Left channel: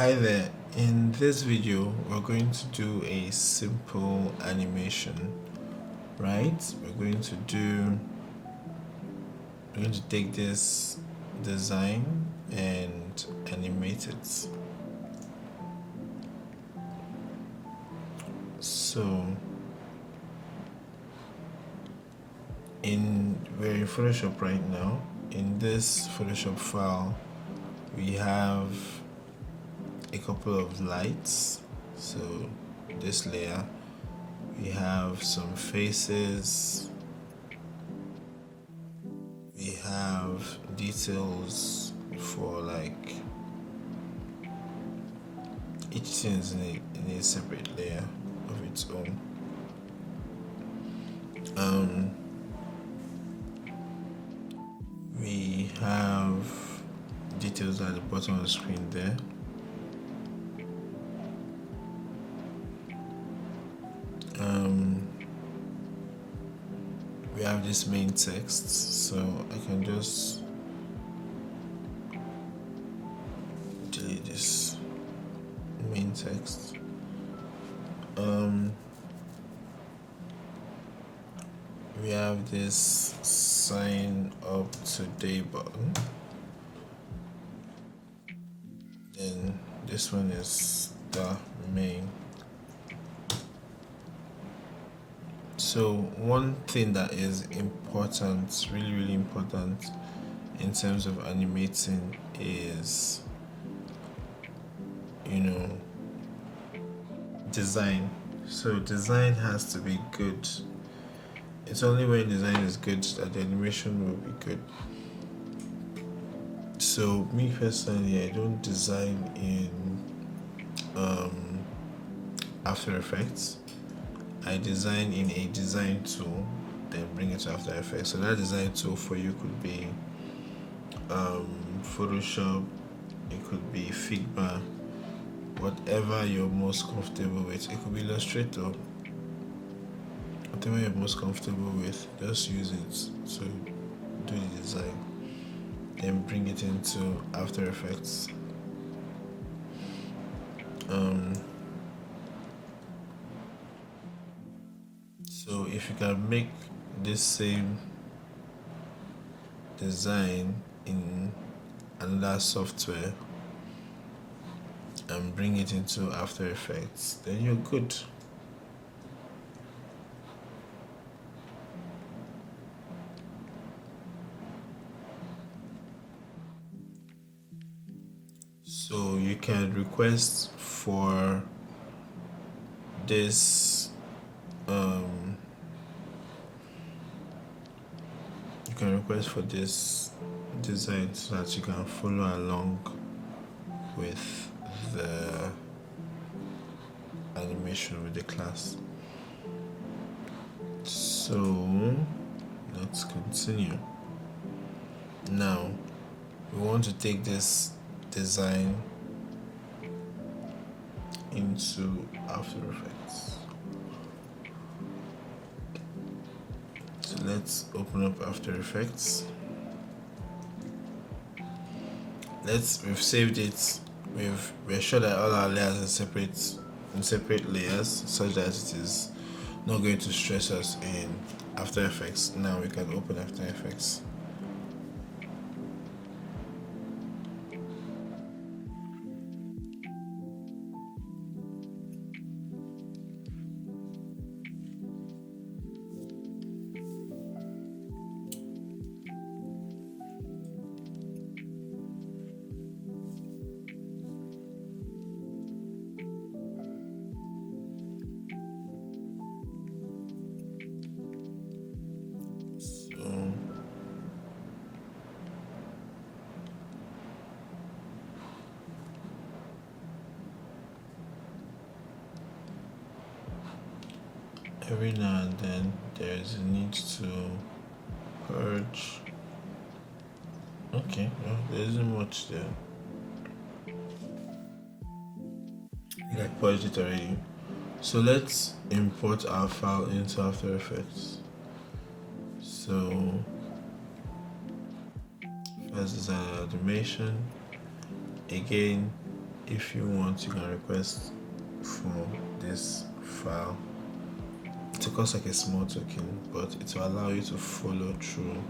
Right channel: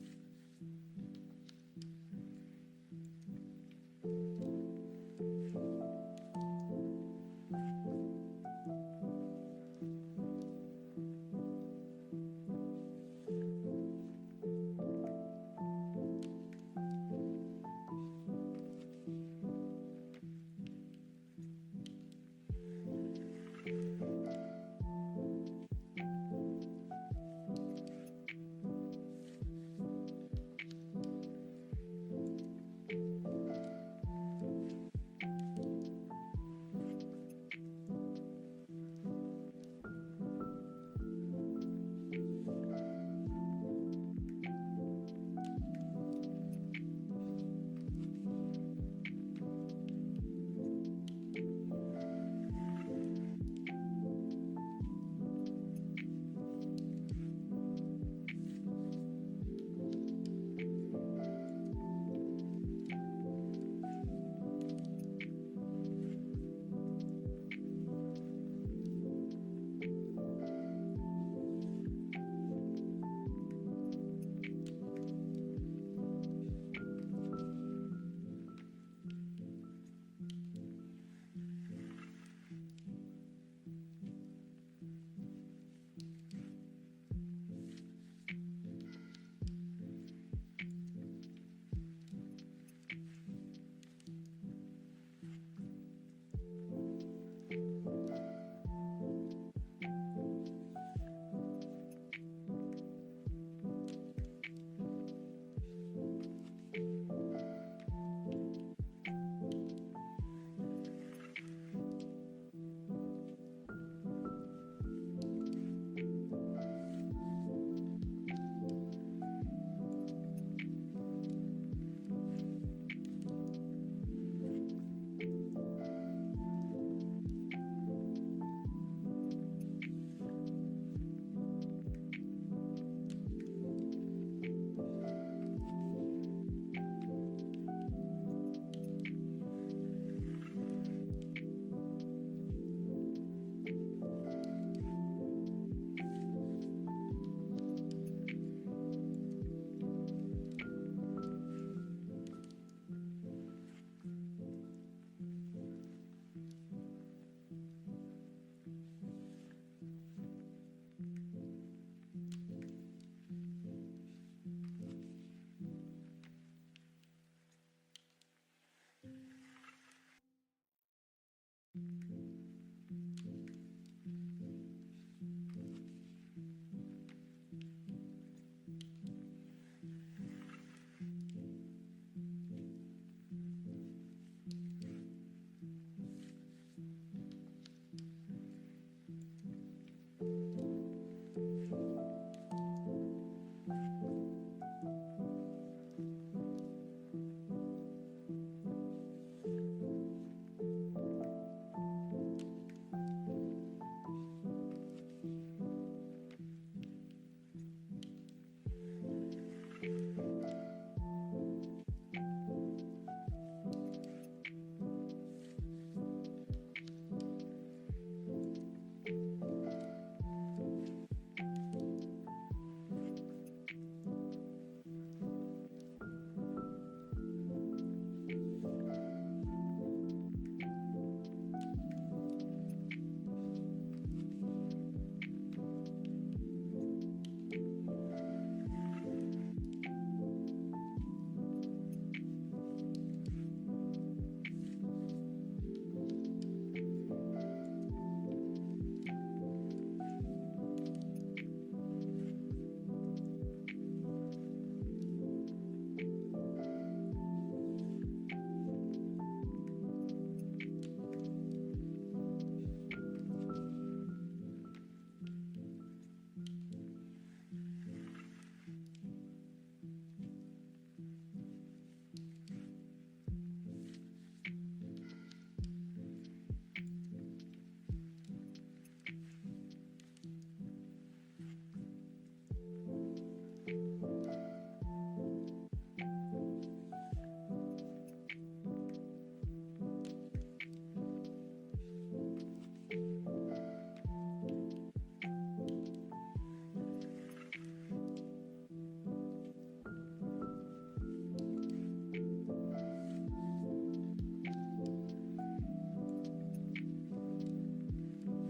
Hi there, in this video we're going to do a simple animation, right? We're going to take this design and animate it. So we're in Photoshop right now. In this Photoshop file we have a couple of lights. So this layer, we have some faces, we have details for like each thing is in a separate layer of its own. We have details at the bottom of the screen there. We have this main text, so I can just delete this main text. We have this sign up today button. Then this one is the main. So one thing that is important, really important in terms of animating is, design. So design has to be good. It's only when design is good that the animation will be good. So me personally, I don't design in After Effects. I design in a design tool, then bring it to After Effects. So that design tool for you could be Photoshop, it could be Figma, whatever you're most comfortable with. It could be Illustrator. Whatever you're most comfortable with, just use it to do the design, then bring it into After Effects. So if you can make this same design in another software and bring it into After Effects, then you're good. So you can request for this design so that you can follow along with the animation with the class. So let's continue. Now we want to take this design into After Effects. So let's open up After Effects. We've saved it. We're sure that all our layers are in separate layers, such that it is not going to stress us in After Effects. Now we can open After Effects. Every now and then there is a need to purge. Okay, well, there isn't much there. I purged it already. So let's import our file into After Effects. So first design animation. Again, if you want, you can request for this file to cost like a small token, but it will allow you to follow through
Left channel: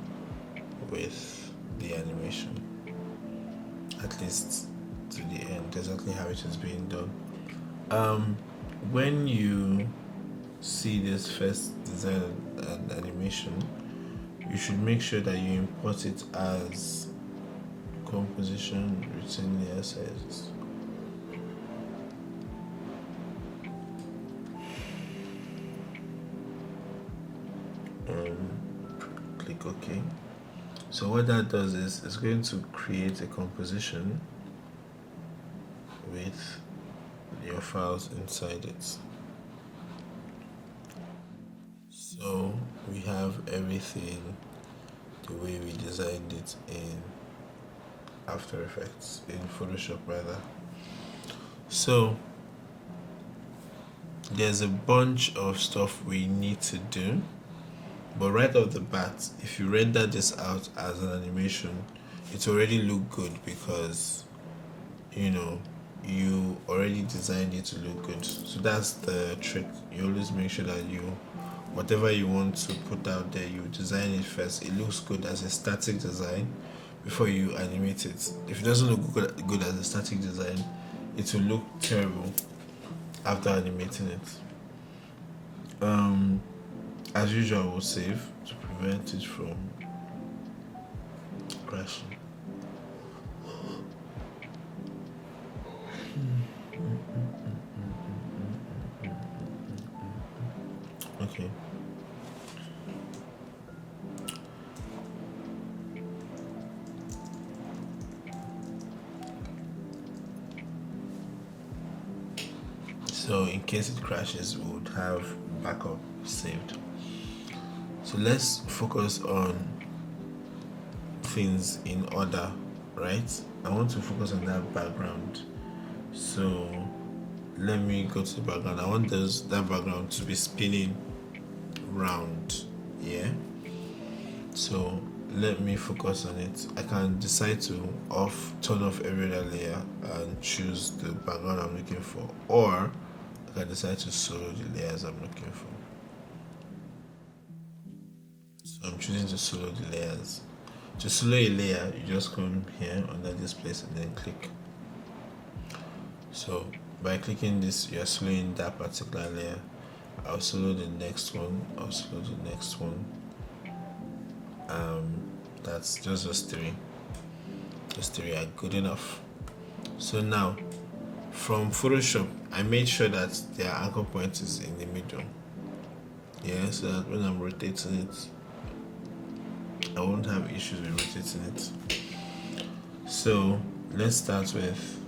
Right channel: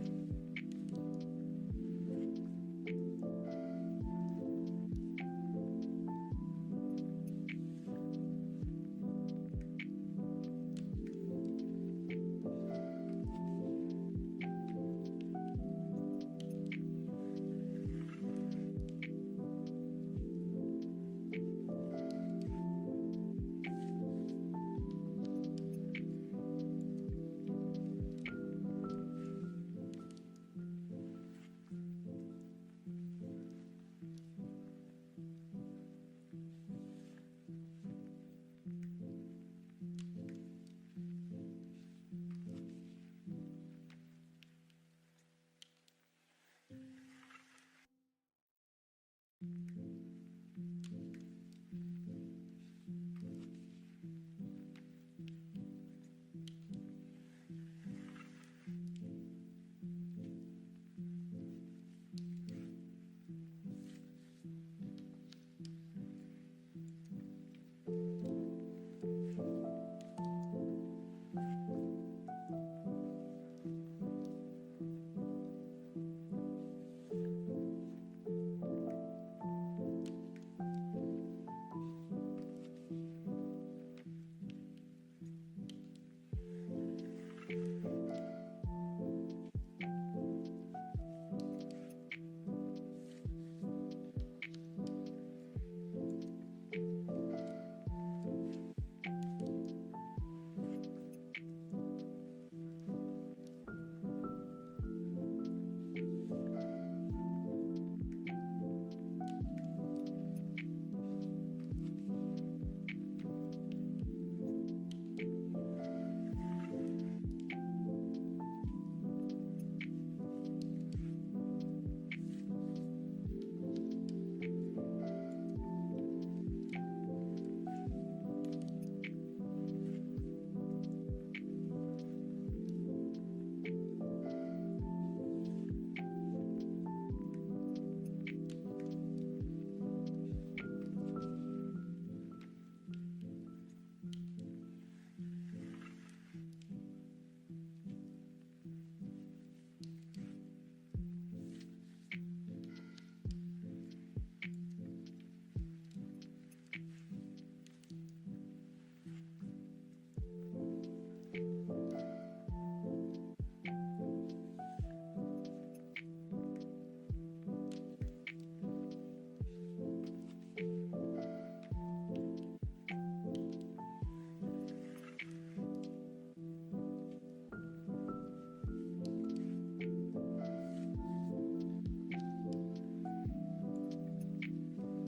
with the animation, at least to the end, exactly how it is being done. When you see this first design and animation, you should make sure that you import it as composition written layer sizes. Click OK. So what that does is it's going to create a composition with your files inside it. So we have everything the way we designed it in After Effects, in Photoshop rather. So there's a bunch of stuff we need to do, but right off the bat, if you render this out as an animation, it already look good because you already designed it to look good. So that's the trick. You always make sure that whatever you want to put out there, you design it first. It looks good as a static design before you animate it. If it doesn't look good as a static design, it will look terrible after animating it. As usual, we'll save to prevent it from crashing. Okay. So in case it crashes, we would have backup saved. So let's focus on things in order, right? I want to focus on that background. So let me go to the background. I want that background to be spinning round, yeah? So let me focus on it. I can decide to turn off every other layer and choose the background I'm looking for, or I can decide to solo the layers I'm looking for. So I'm choosing to solo the layers. To solo a layer, you just come here under this place and then click. So by clicking this, you're soloing that particular layer. I'll solo the next one. I'll solo the next one. That's just those three. Those three are good enough. So now, from Photoshop, I made sure that their anchor point is in the middle. Yeah, so that when I'm rotating it, I won't have issues with rotating it. So let's start with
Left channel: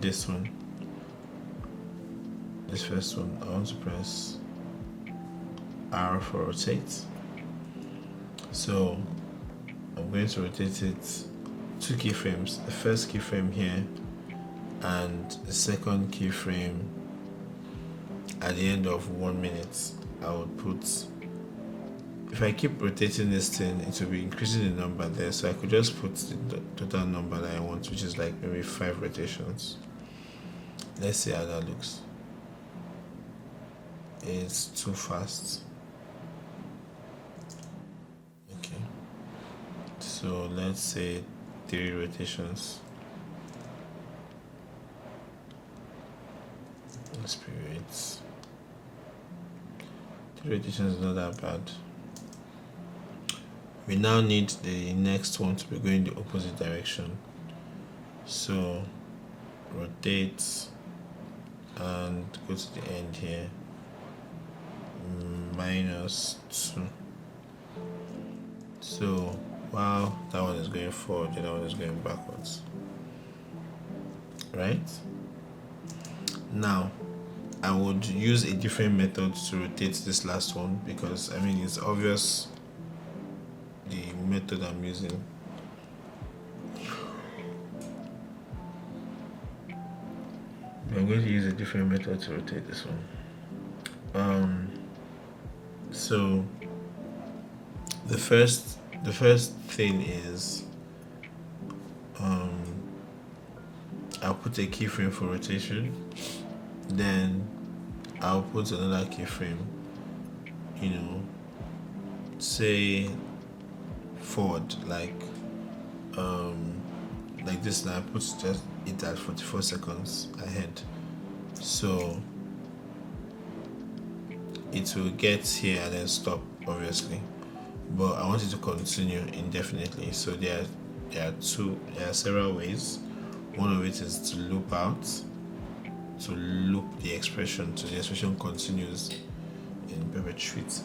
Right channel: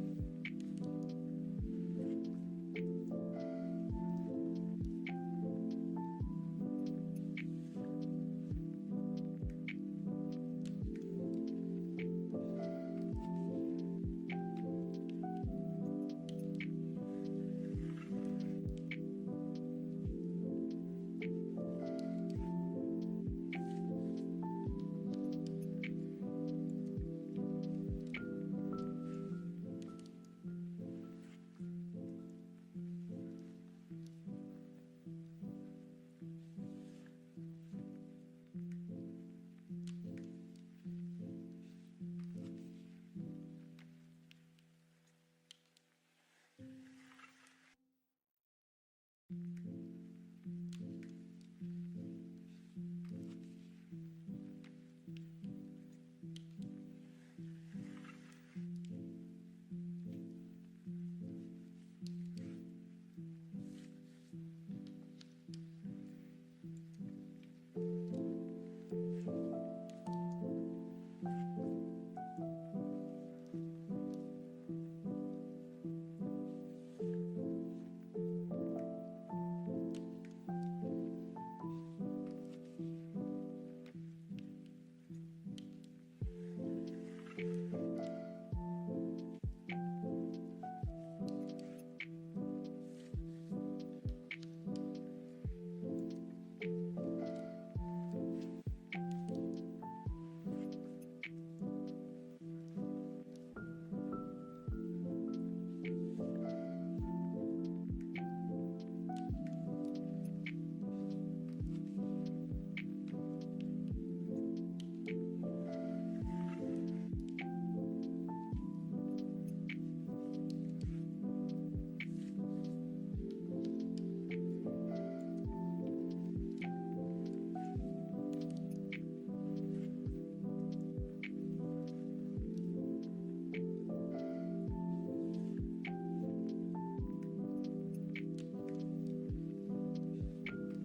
this one. This first one, I want to press R for rotate. So I'm going to rotate it 2 keyframes. The first keyframe here and the second keyframe at the end of 1 minute. I would put, if I keep rotating this thing, it will be increasing the number there, so I could just put the total number that I want, which is like maybe 5 rotations. Let's see how that looks. It's too fast. Okay, so let's say 3 rotations. Spirits. 3 rotations is not that bad. We now need the next one to be going the opposite direction. So rotate and go to the end here. -2. So while that one is going forward, the other one is going backwards. Right? Now, I would use a different method to rotate this last one because it's obvious the method I'm using. I'm going to use a different method to rotate this one. So the first thing is I'll put a keyframe for rotation, then I'll put another keyframe, say forward, like this. Now I put just it at 44 seconds ahead, so it will get here and then stop, obviously, but I want it to continue indefinitely. So there are several ways. One of it is to loop out, to loop the expression so the expression continues in perpetuity.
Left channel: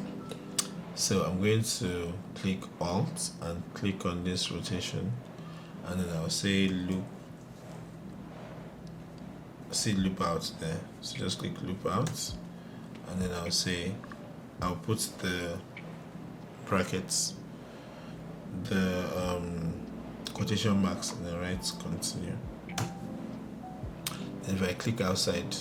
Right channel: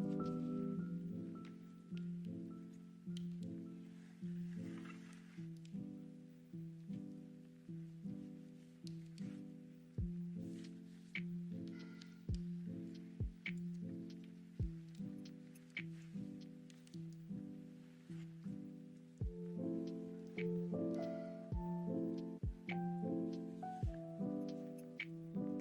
So I'm going to click Alt and click on this rotation, and then I'll say loop. See loop out there. So just click loop out, and then I'll put the brackets, the quotation marks, and then write continue. And if I click outside,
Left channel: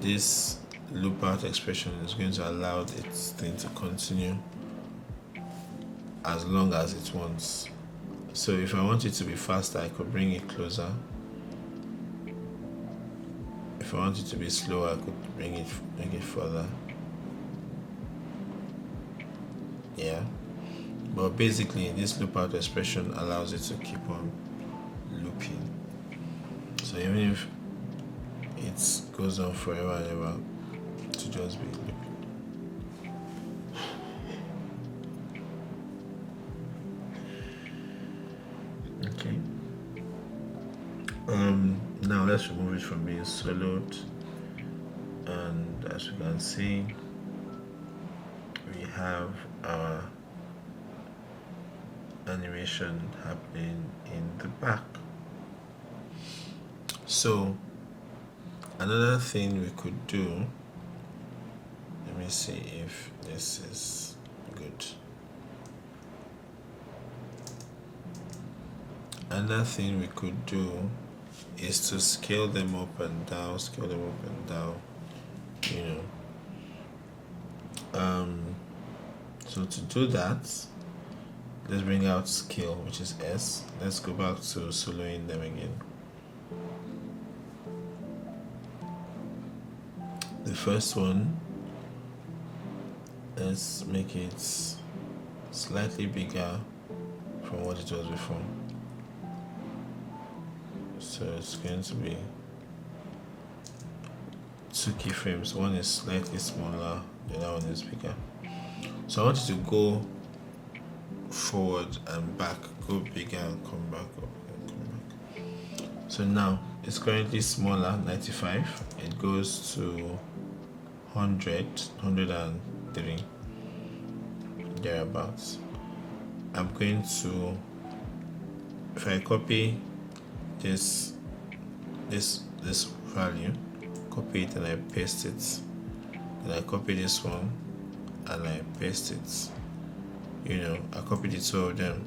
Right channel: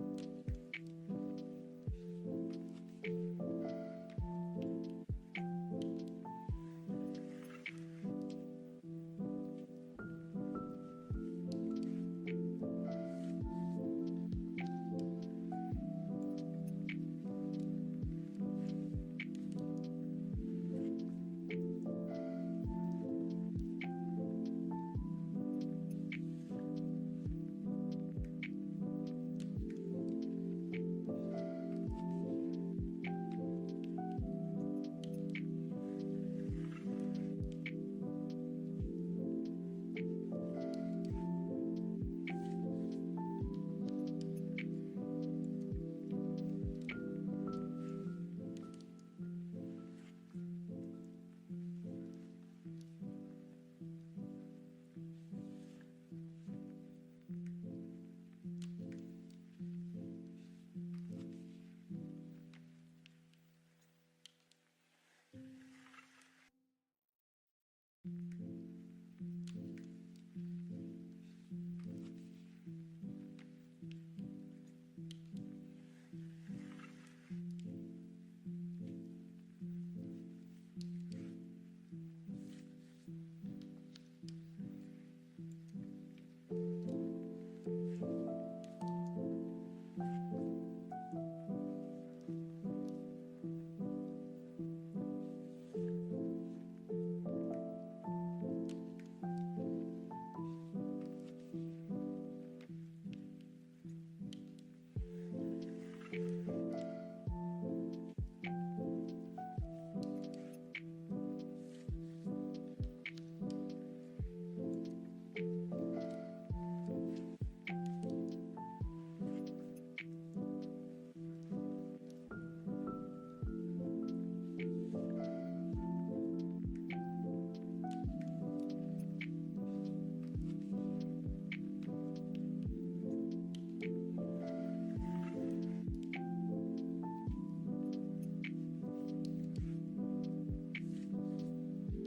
this loop out expression is going to allow its thing to continue as long as it wants. So if I want it to be faster, I could bring it closer. If I want it to be slower, I could bring it further. Yeah. But basically, this loop out expression allows it to keep on looping. So even if it goes on forever and ever, to just be looping. Okay. Now let's remove it from being soloed, and as you can see, we have our animation happening in the back. So another thing we could do, let me see if this is good. Another thing we could do is to scale them up and down, so to do that, let's bring out scale, which is S. Let's go back to soloing them again. The first one, let's make it slightly bigger from what it was before. So it's going to be 2 keyframes. One is slightly smaller, the other one is bigger. So I want you to go forward and back, go bigger and come back, So now it's currently smaller, 95. It goes to 100, 103, thereabouts. I'm going to, if I copy this value, copy it and I paste it, then I copy this one and I paste it. I copied the 2 of them,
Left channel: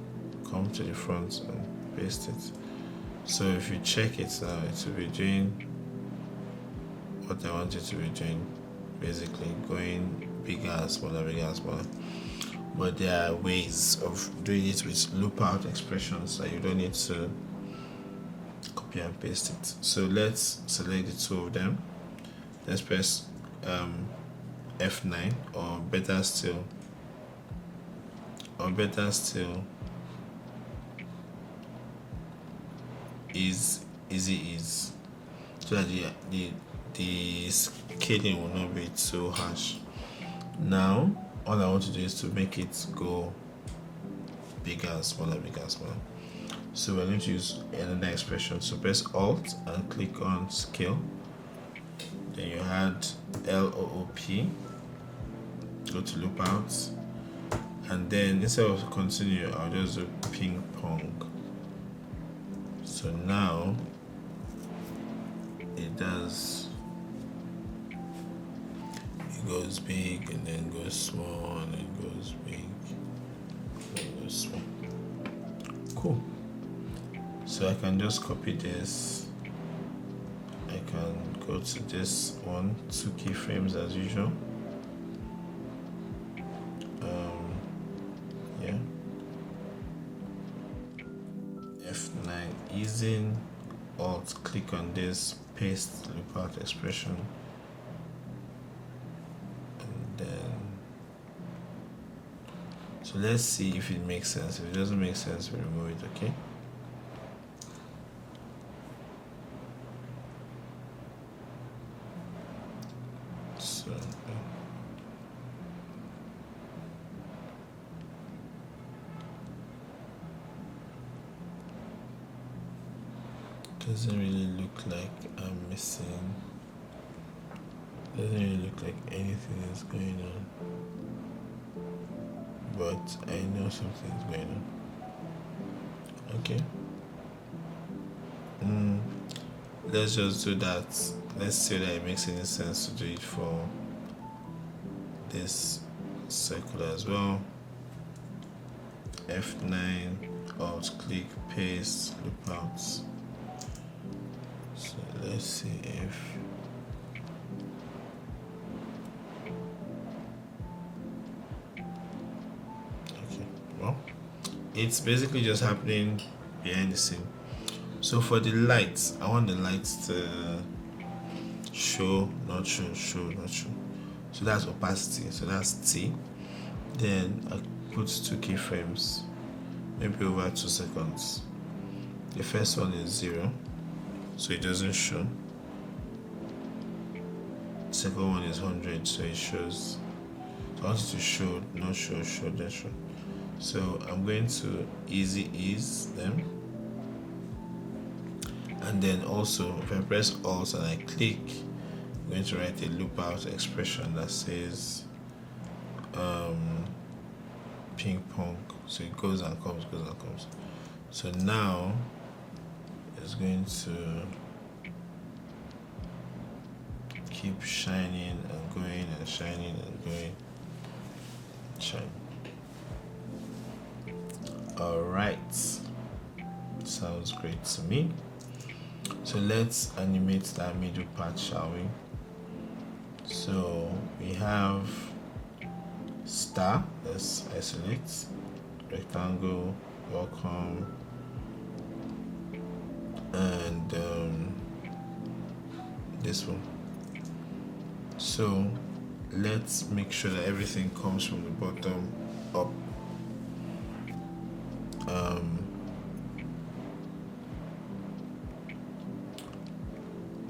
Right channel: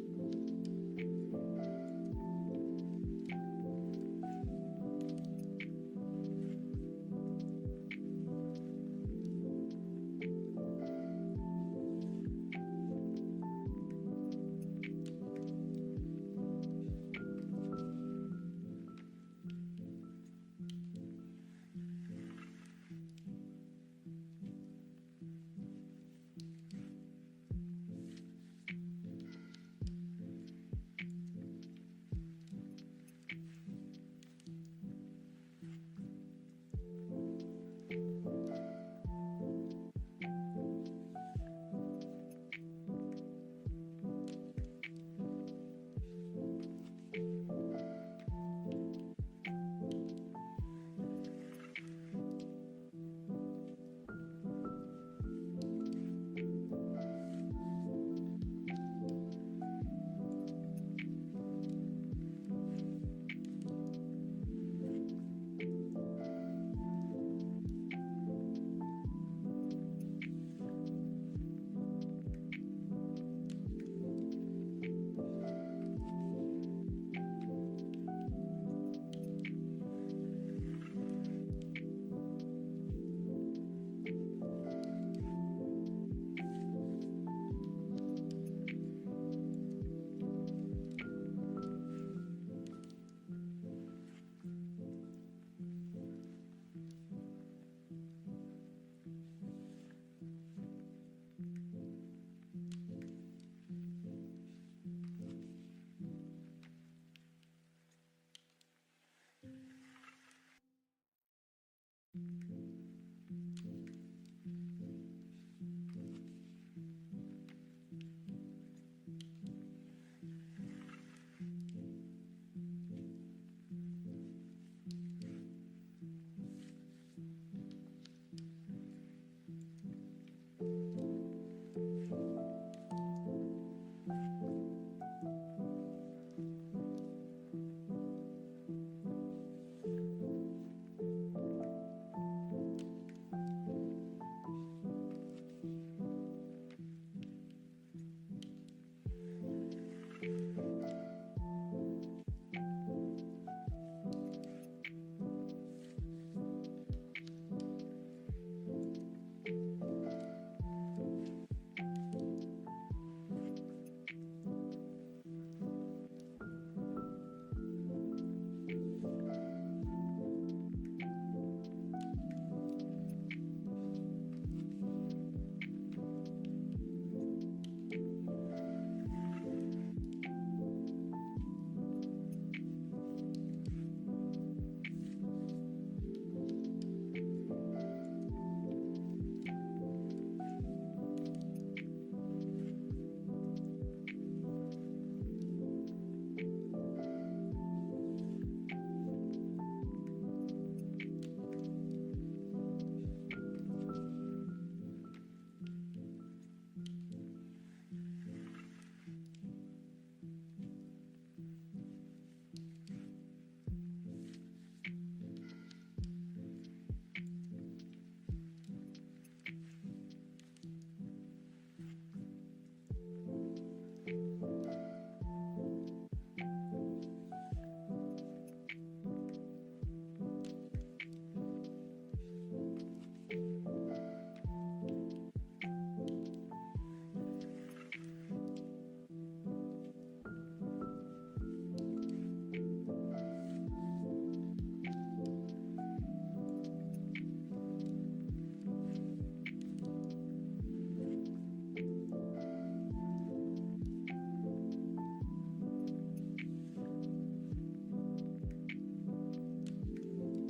come to the front and paste it. So if you check it now, it will be doing what I want it to be doing, basically going bigger and smaller, But there are ways of doing it with loop out expressions that you don't need to copy and paste it. So let's select the 2 of them. Let's press F9, or better still is easy, so that the scaling will not be too harsh. Now all I want to do is to make it go bigger and smaller. So we're going to use another expression. So press Alt and click on Scale. Then you add LOOP, go to Loop Out, and then instead of continue, I'll just do ping pong. So now it goes big and then goes small and then goes big and goes small. Cool. So I can just copy this. I can go to this one, 2 keyframes as usual. F9, using Alt, click click on this paste loop out expression, and then so let's see if it makes sense. If it doesn't make sense, we remove it. Okay. So doesn't really look like I'm missing. Doesn't really look like anything is going on, but I know something's going on. Okay. Let's just do that. Let's see that it makes any sense to do it for this circle as well. F9, Alt click, paste, loop out. So let's see if it's basically just happening behind the scene. So for the lights, I want the lights to show, not show, show, not show. So that's opacity, so that's T. Then I put 2 keyframes, maybe over 2 seconds. The first one is 0, so it doesn't show. The second one is 100, so it shows. So I want it to show, not show, show, then show. So I'm going to easy ease them, and then also if I press Alt and I click, I'm going to write a loop out expression that says ping pong. So it goes and comes, goes and comes. So now it's going to keep shining and going and shining and going. Shine. Alright, sounds great to me. So let's animate that middle part, shall we? So we have star, let's isolate, rectangle, welcome, and this one. So let's make sure that everything comes from the bottom up.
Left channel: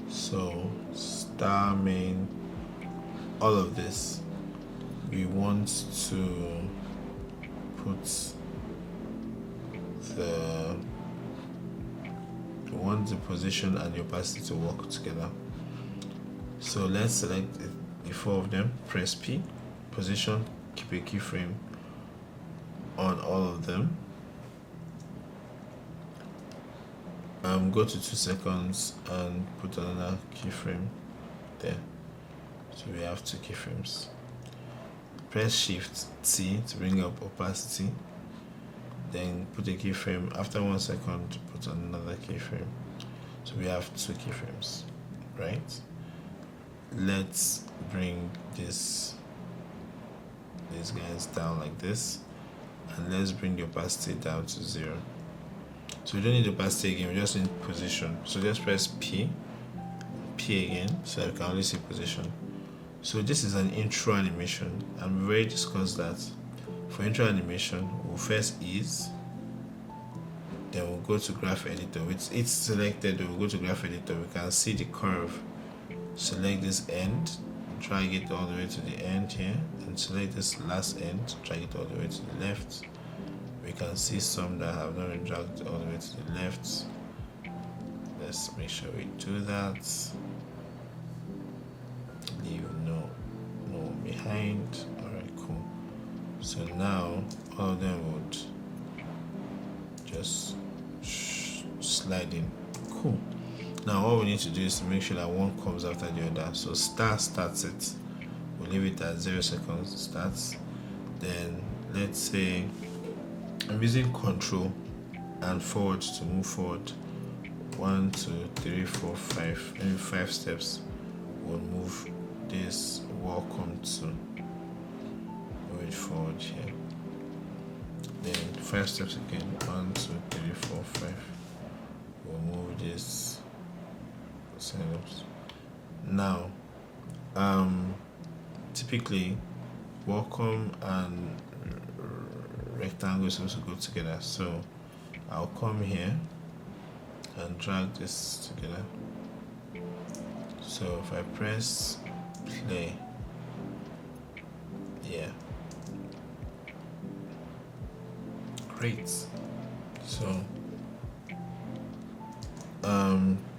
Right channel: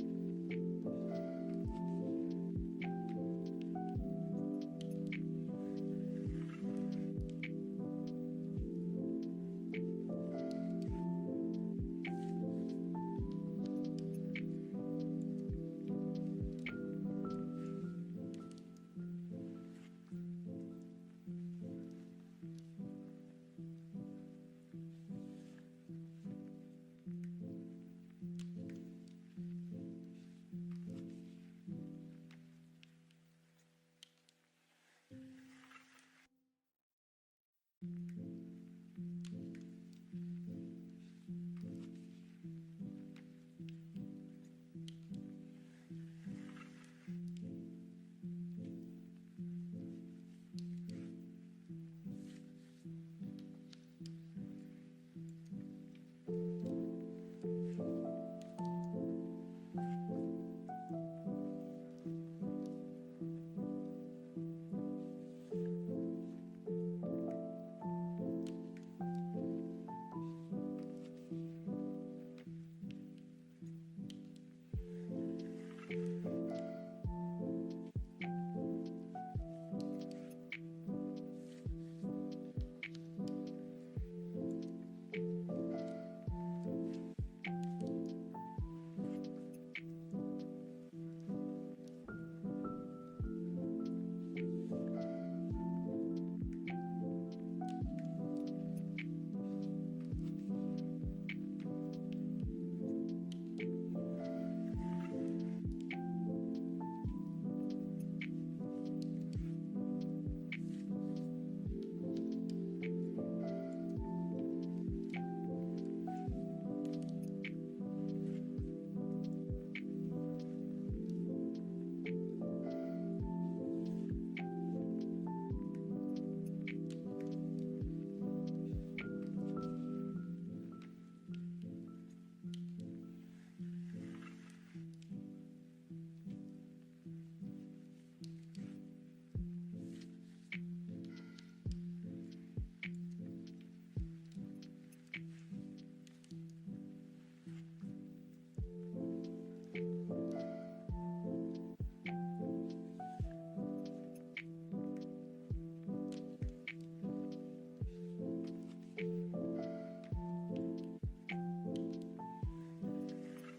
So star main, all of this, we want to put we want the position and the opacity to work together. So let's select the 4 of them, press P, position, keep a keyframe on all of them. Go to 2 seconds and put another keyframe there. So we have 2 keyframes. Press Shift T to bring up opacity. Then put a keyframe. After 1 second, put another keyframe. So we have 2 keyframes, right? Let's bring these guys down like this, and let's bring the opacity down to 0. So we don't need opacity again, we just need position. So just press P again, so I can only see position. So this is an intro animation, and we've already discussed that. For intro animation, we'll first ease, then we'll go to graph editor. With it selected, we'll go to graph editor. We can see the curve. Select this end, drag it all the way to the end here, and select this last end, drag it all the way to the left. We can see some that have not been dragged all the way to the left. Let's make sure we do that. Leave no behind. Alright, cool. So now all of them would just slide in. Cool. Now what we need to do is to make sure that one comes after the other. So star starts it. We'll leave it at 0 seconds. Starts. Then let's say I'm using Control and forward to move forward. 1, 2, 3, 4, 5. Maybe 5 steps. We'll move this welcome to. Move it forward here. Then 5 steps again. 1, 2, 3, 4, 5. We'll move this signups. Now, typically welcome and rectangle is supposed to go together. So I'll come here and drag this together. So if I press play, yeah, great. So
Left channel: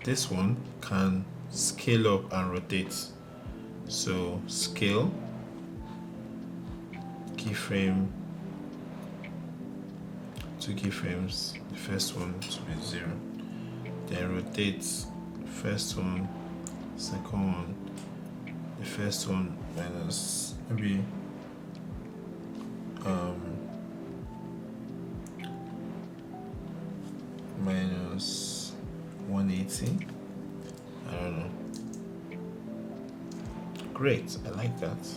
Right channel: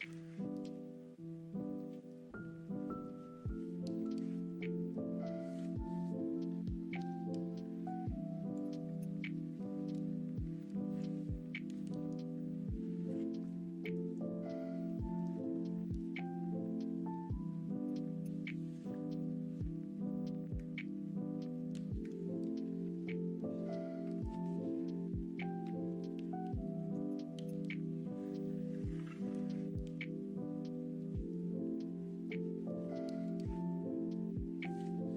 this one can scale up and rotate. So scale, keyframe, 2 keyframes, the first one to be 0, then rotate, first one, second one, the first one minus maybe minus 180. I don't know. Great, I like that.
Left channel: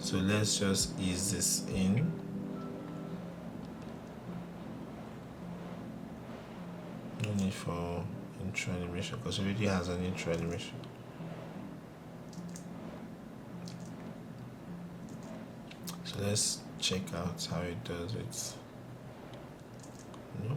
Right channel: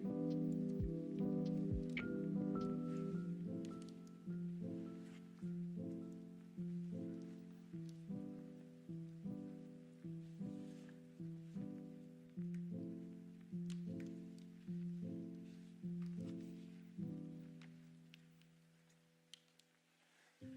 So let's just ease this in. No need for intro animation because it already has an intro animation. So let's check out how it does it. No.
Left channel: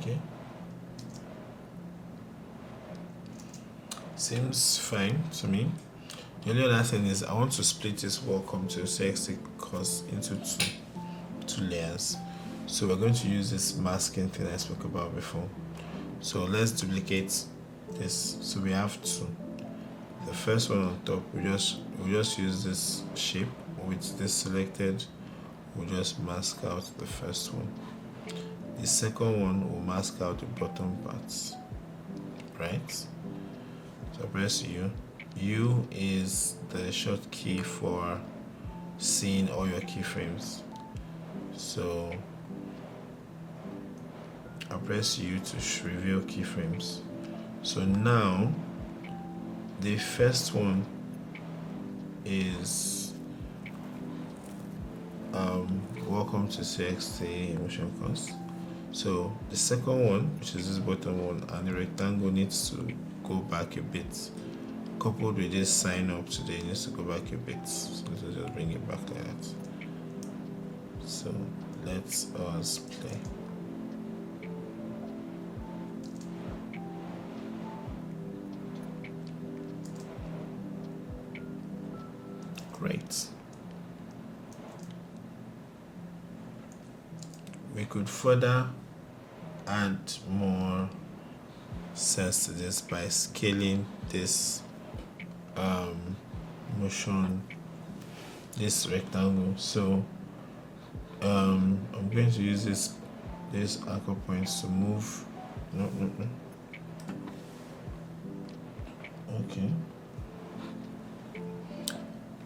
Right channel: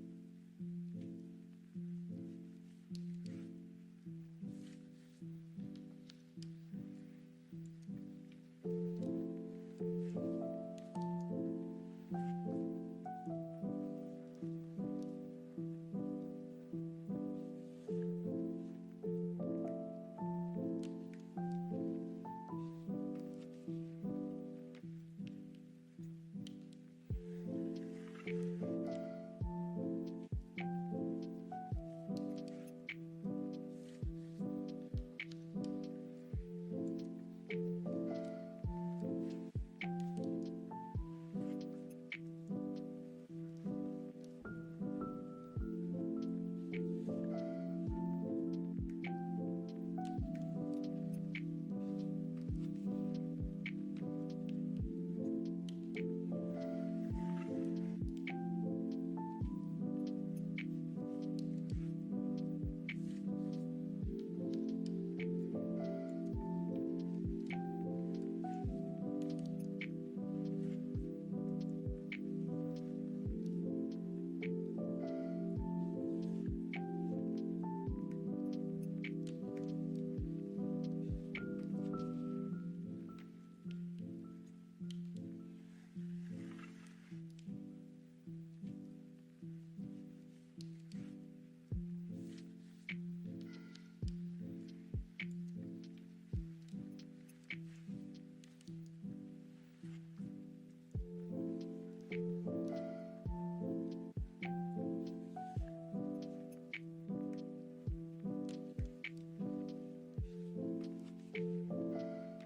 Okay. Seems fine to me. The only other thing is I want to split this welcome to CXT course into two layers. So we're going to use this masking thing I spoke about before. So let's duplicate this. So we have two. The first one on top, we just use this shape with this selected. We'll just mask out the first one. The second one will mask out the bottom parts. Right? So press U. U is the shortcut for seeing all your keyframes. So I'll press U to reveal keyframes. So now the first one is welcome to CXT motion course. So the second one, which is this bottom one, and the rectangle needs to go back a bit. Coupled with this sign up today, it needs to go back a bit. So let's just bring it back like that. So let's us play. Great. We could further add more sense to this by scaling this motion, this rectangle. So I'm going to use this anchor points to move. No. Okay.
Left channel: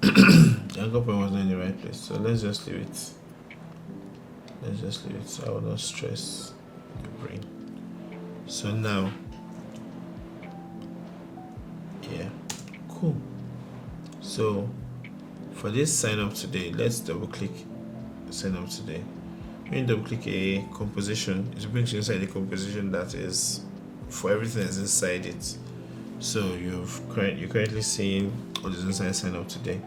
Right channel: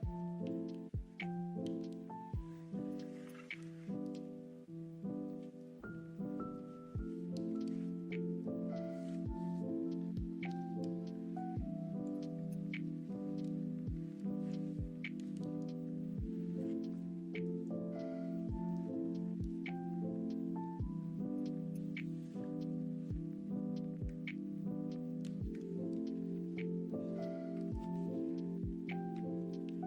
The anchor point was not in the right place, so let's just leave it. So I will not stress the brain. So now, yeah, cool. So for this sign up today, let's double click sign up today. When you double click a composition, it brings you inside the composition that is for everything that's inside it. So you're currently seeing what is inside sign up today.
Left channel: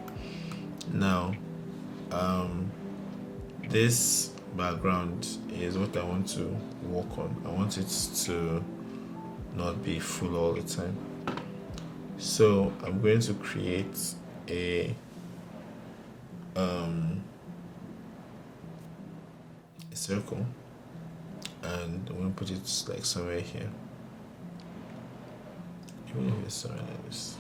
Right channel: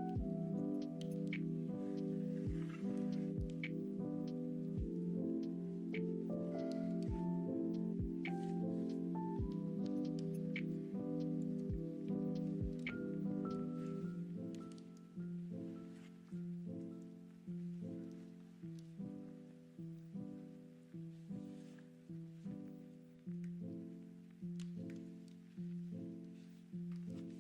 Now, this background is what I want to work on. I want it to not be full all the time. So I'm going to create a circle, and I'm going to put it like somewhere here. Even if it's somewhere like this.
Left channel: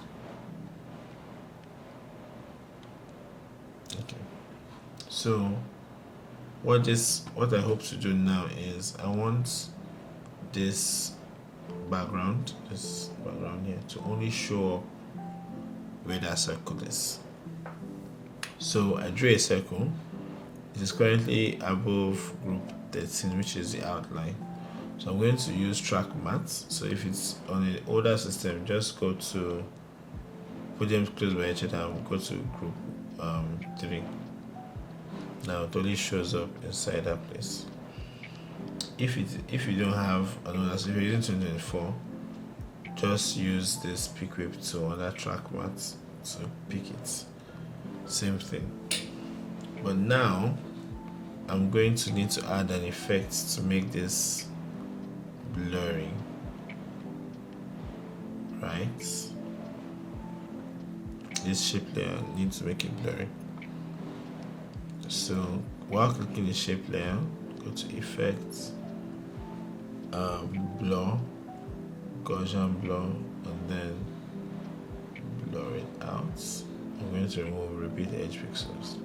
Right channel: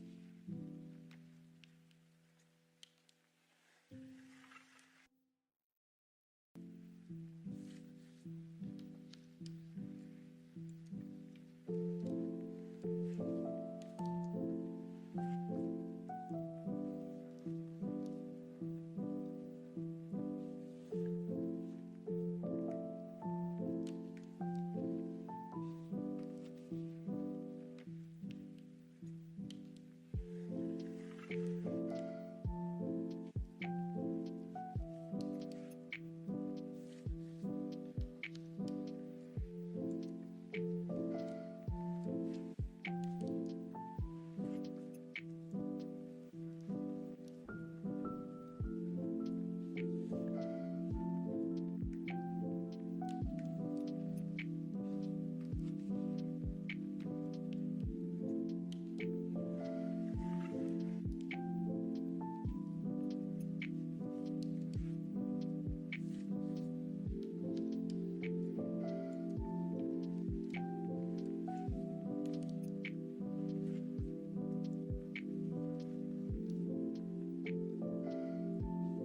Okay. So what I hope to do now is I want this background here to only show where that circle is. So I drew a circle. It is currently above group 13, which is the outline. So I'm going to use track math. So if it's on an older system, just go to put them close by each other and go to group 3. Now it only shows up inside that place. If you don't have another, so if you're using 2024, just use this pick whip to other track mat to pick it. Same thing. But now I'm going to need to add an effect to make this blurry, right? This shape layer, I need to make it blurry. So while clicking the shape layer, go to effects, blur, Gaussian blur, and then blur it out. I'm going to remove repeat edge pixels.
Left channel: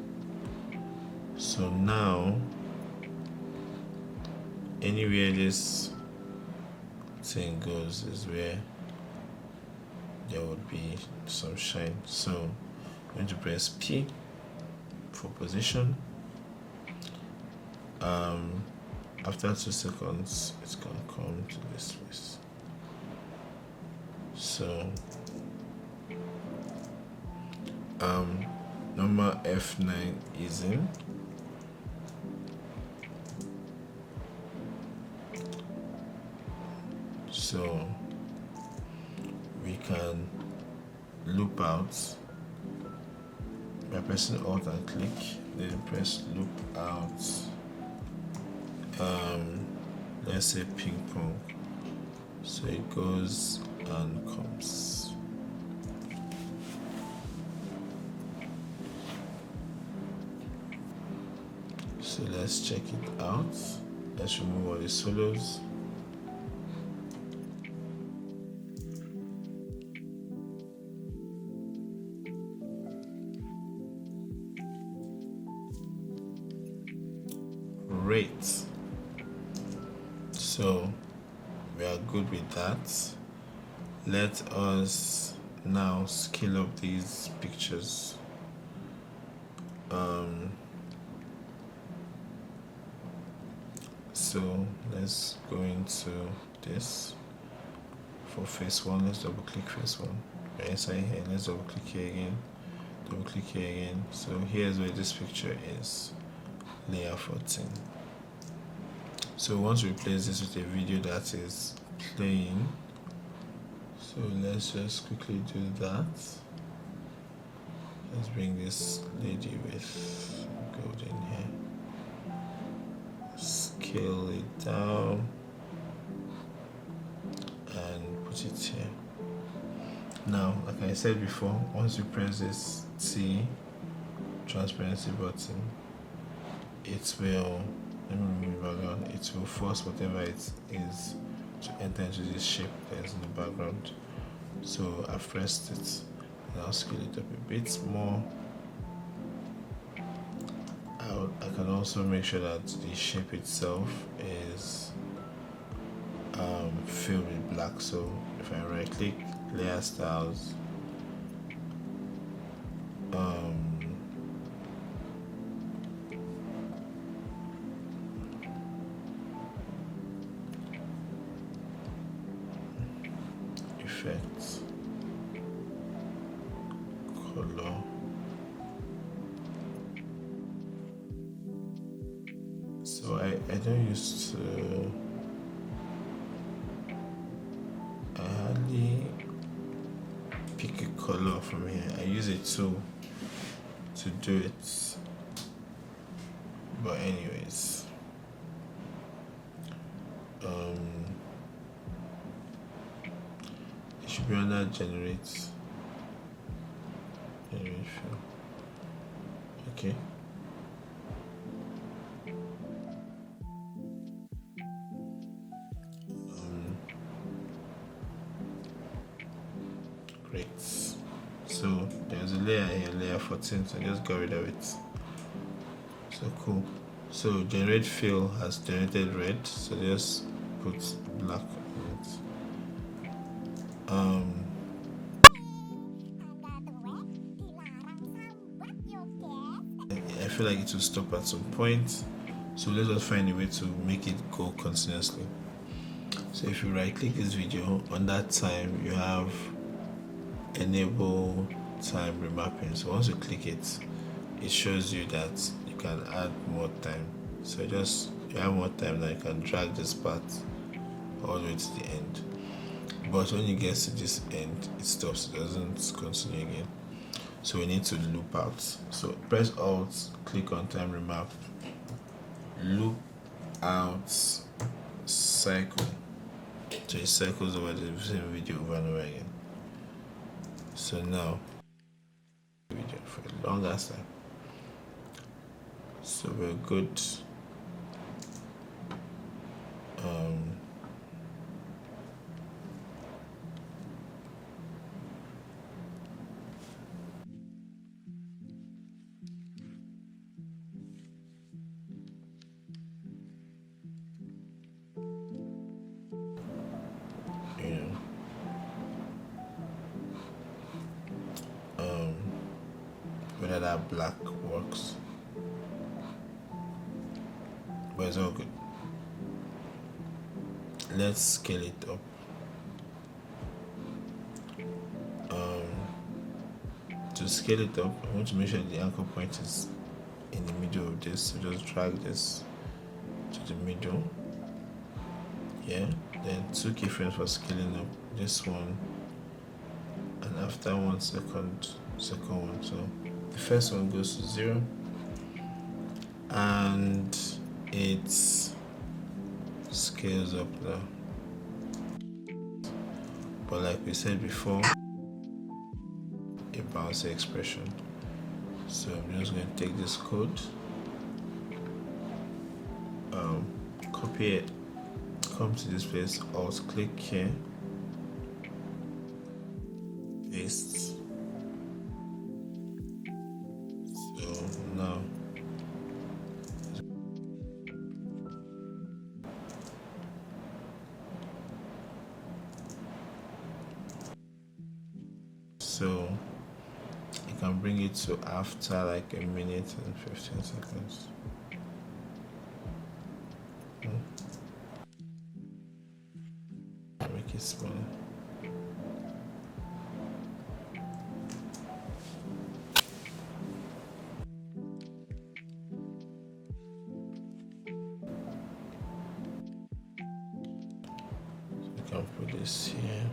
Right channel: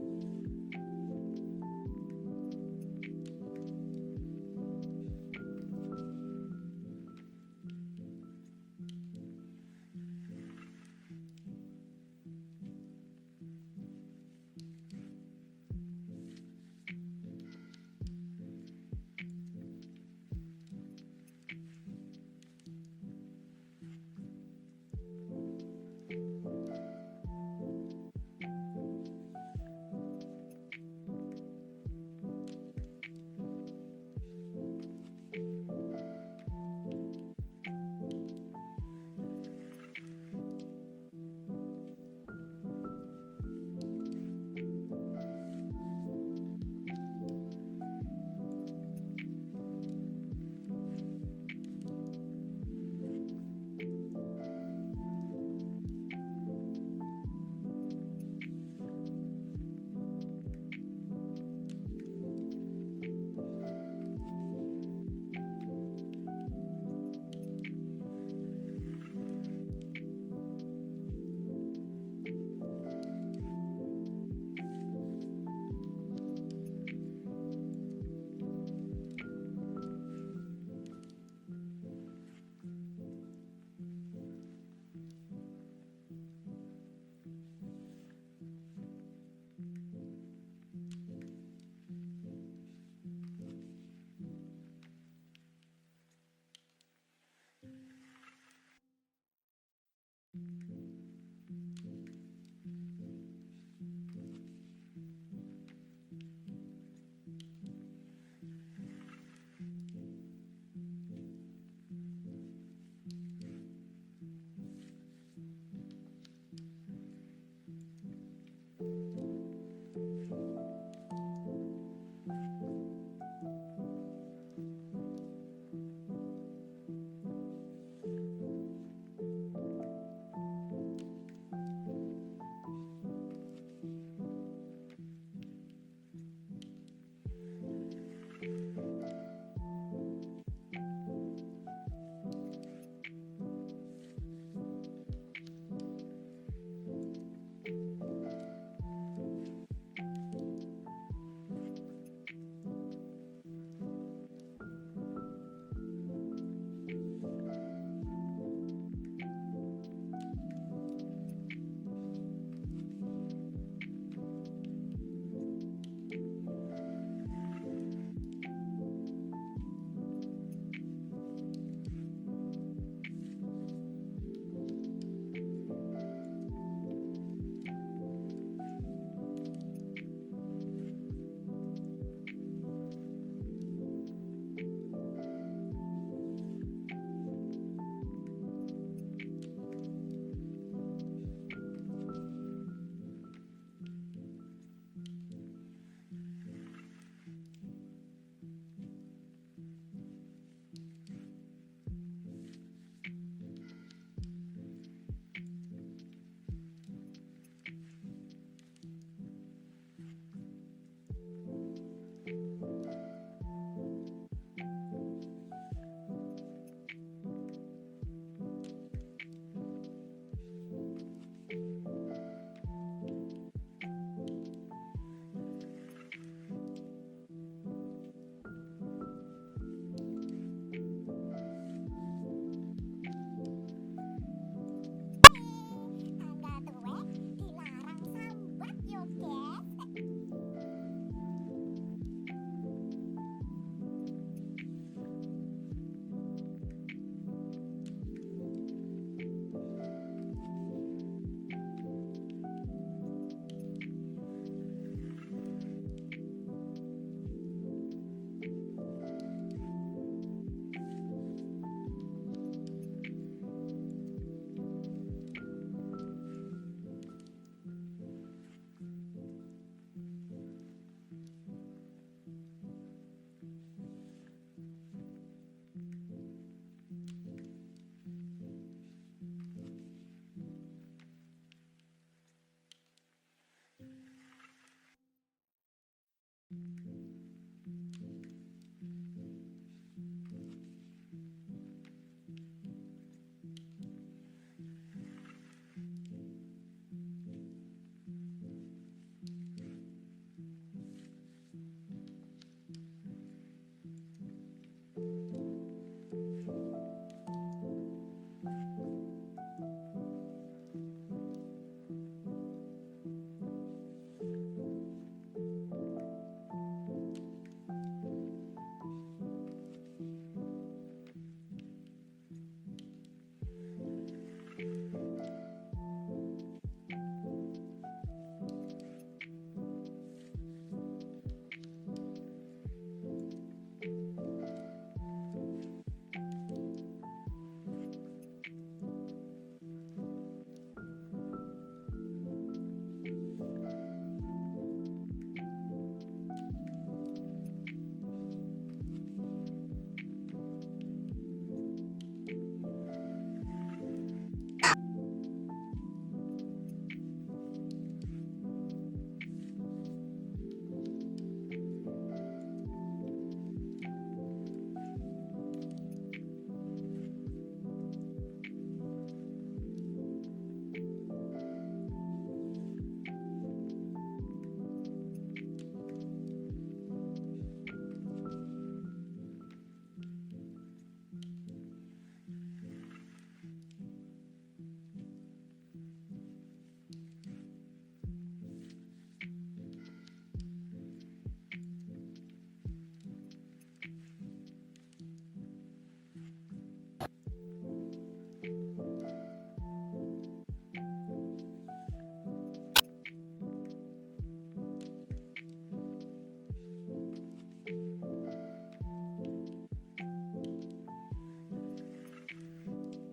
So now anywhere this thing goes is where there would be some shine. So I'm going to press P for position. After 2 seconds, it's going to come to this place. So number F9 is in. So we can loop out by pressing Alt and click, then press loop out. Let's say ping pong. So it goes and comes. So let's check it out. Let's remove all the solos. Great. So we are good with that. Let us now scale up these pictures. So let's go into this. For phase 1, let's double click phase 1. Right inside here, let's double click here again. Double click here again. So here's where this picture is. Layer 14. So once we replace this with a video that is playing, so let's just quickly do that. Let's bring this lady with golden hair, scale it down and put it here. Now, like I said before, once you press this T transparency button, it will, let me remove that, it will force whatever it is to enter into this shape that is in the background. So I've pressed it, and I'll scale it up a bit more. I can also make sure that the shape itself is filled with black. So if I right click, layer styles, effects, color, so I don't use to, I hardly pick a color from here. I use a tool to do it, but anyways, it should be under generate fill. Okay. Great. So there's a layer here, layer 14, so just got rid of it. So cool. So generate fill has generated red, so just put black on it. I feel like it will stop at some point, so let us find a way to make it go continuously. So if you right click this video, on that time you have enable time remapping. So once you click it, it shows you that you can add more time. So just you have more time now, you can drag this part all the way to the end. But when it gets to this end, it stops, it doesn't continue again. So we need to loop out. So press Alt, click on time remap, loop out cycle. So it cycles over the same video over and over again. So now video for the longest time. So we're good. Whether that black works, but it's all good. Let's scale it up. To scale it up, I want to make sure the anchor point is in the middle of this. So just drag this to the middle. Yeah. Then 2 keyframes for scaling up. This one, and after 1 second, second one. So the first one goes to 0, and it scales up now. But like we said before, a bouncy expression. So I'm just going to take this code, copy it, come to this place, Alt click here, paste. So now so you can bring it to after like a minute and 15 seconds. Make it smaller. You can put this here.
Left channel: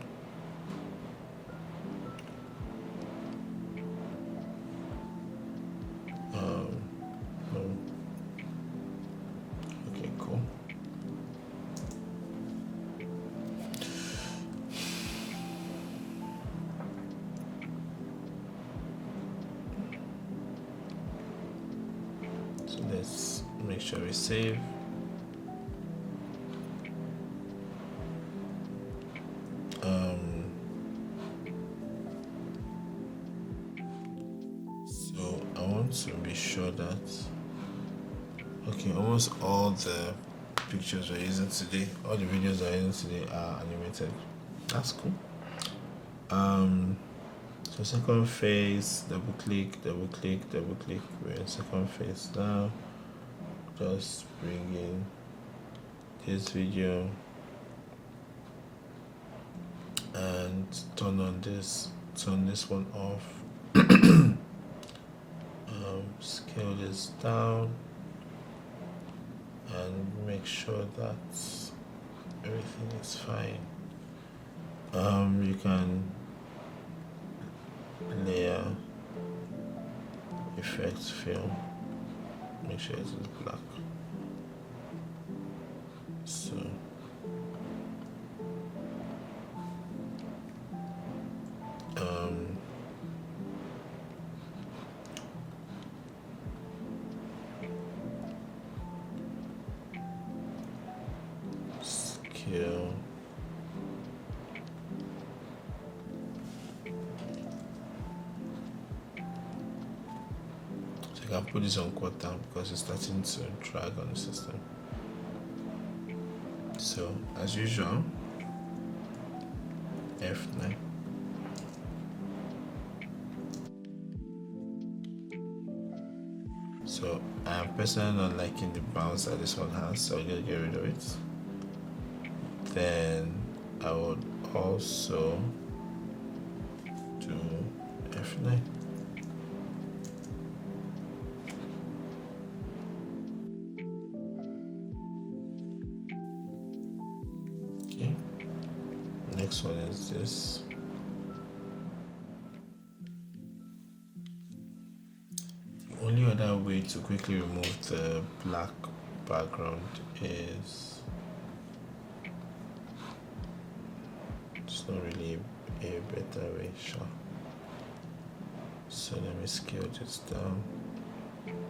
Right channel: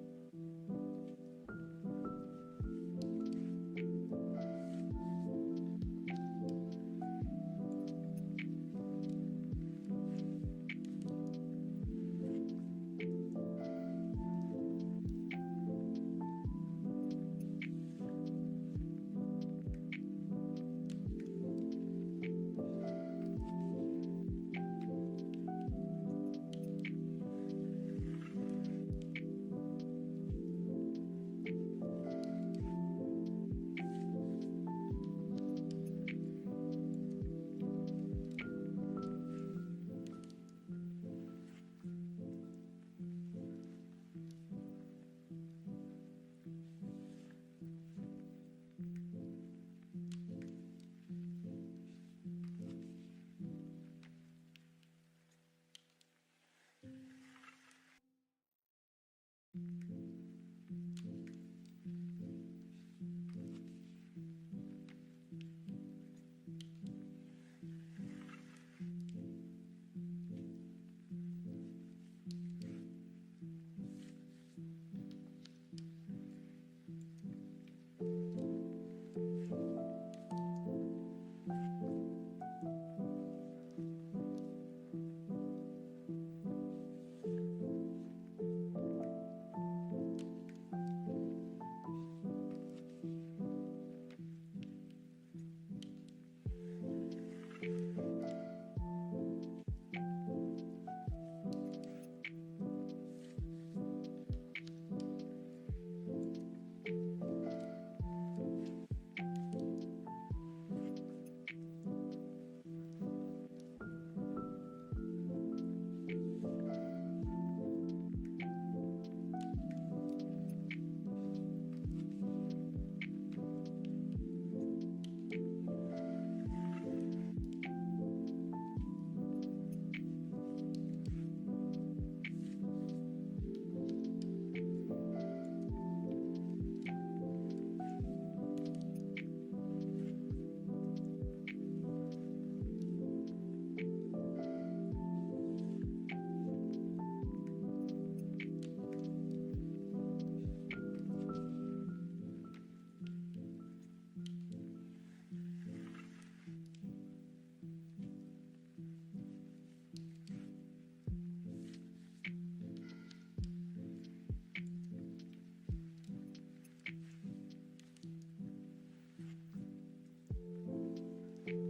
Okay, cool. So let's make sure we save. So I want to be sure that almost all the pictures we're using today, all the videos we're using today are animated. That's cool. So second phase, double click, double click, double click. We're in second phase now. Just bring in this video and turn this one off. Scale this down and make sure that everything is fine. You can layer, effects, film, make sure it's black. So scale. So I can put this on quarter because it's starting to drag on the system. So as usual, F9. So I'm personally not liking the bounce that this one has, so I'm gonna get rid of it. Then I would also do F9. to quickly remove the black background is, it's not really a better way, sure. So let me scale this down,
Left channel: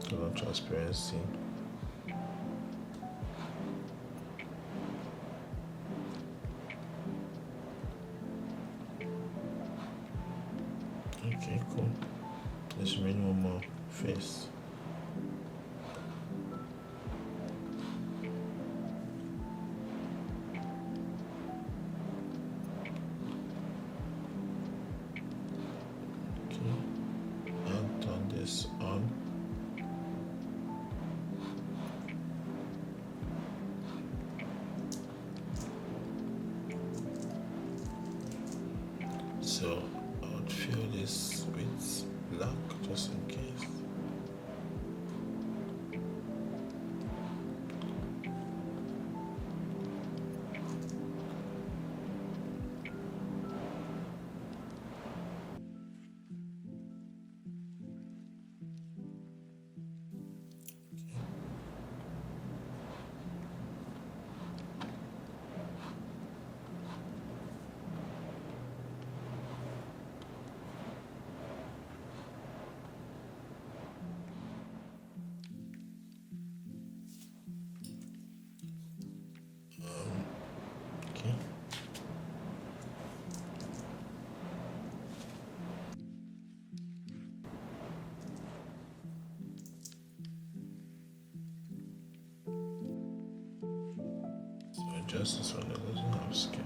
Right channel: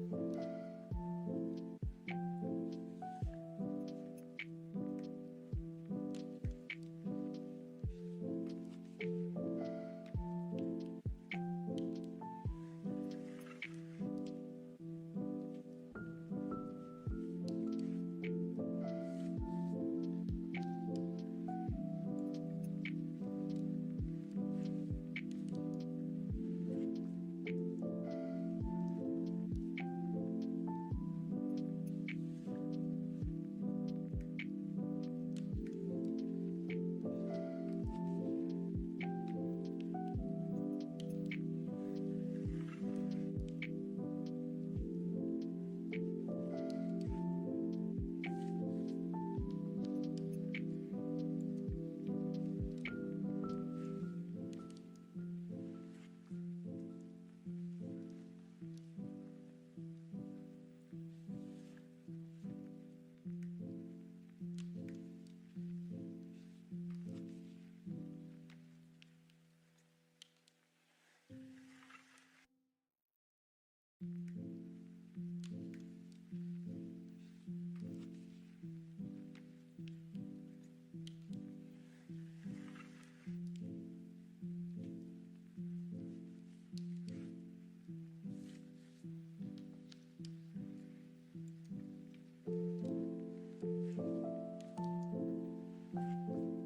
turn on transparency. Okay, cool. Let's remove one more face. So I would fill this with black just in case. Okay. So just this one that doesn't have scale.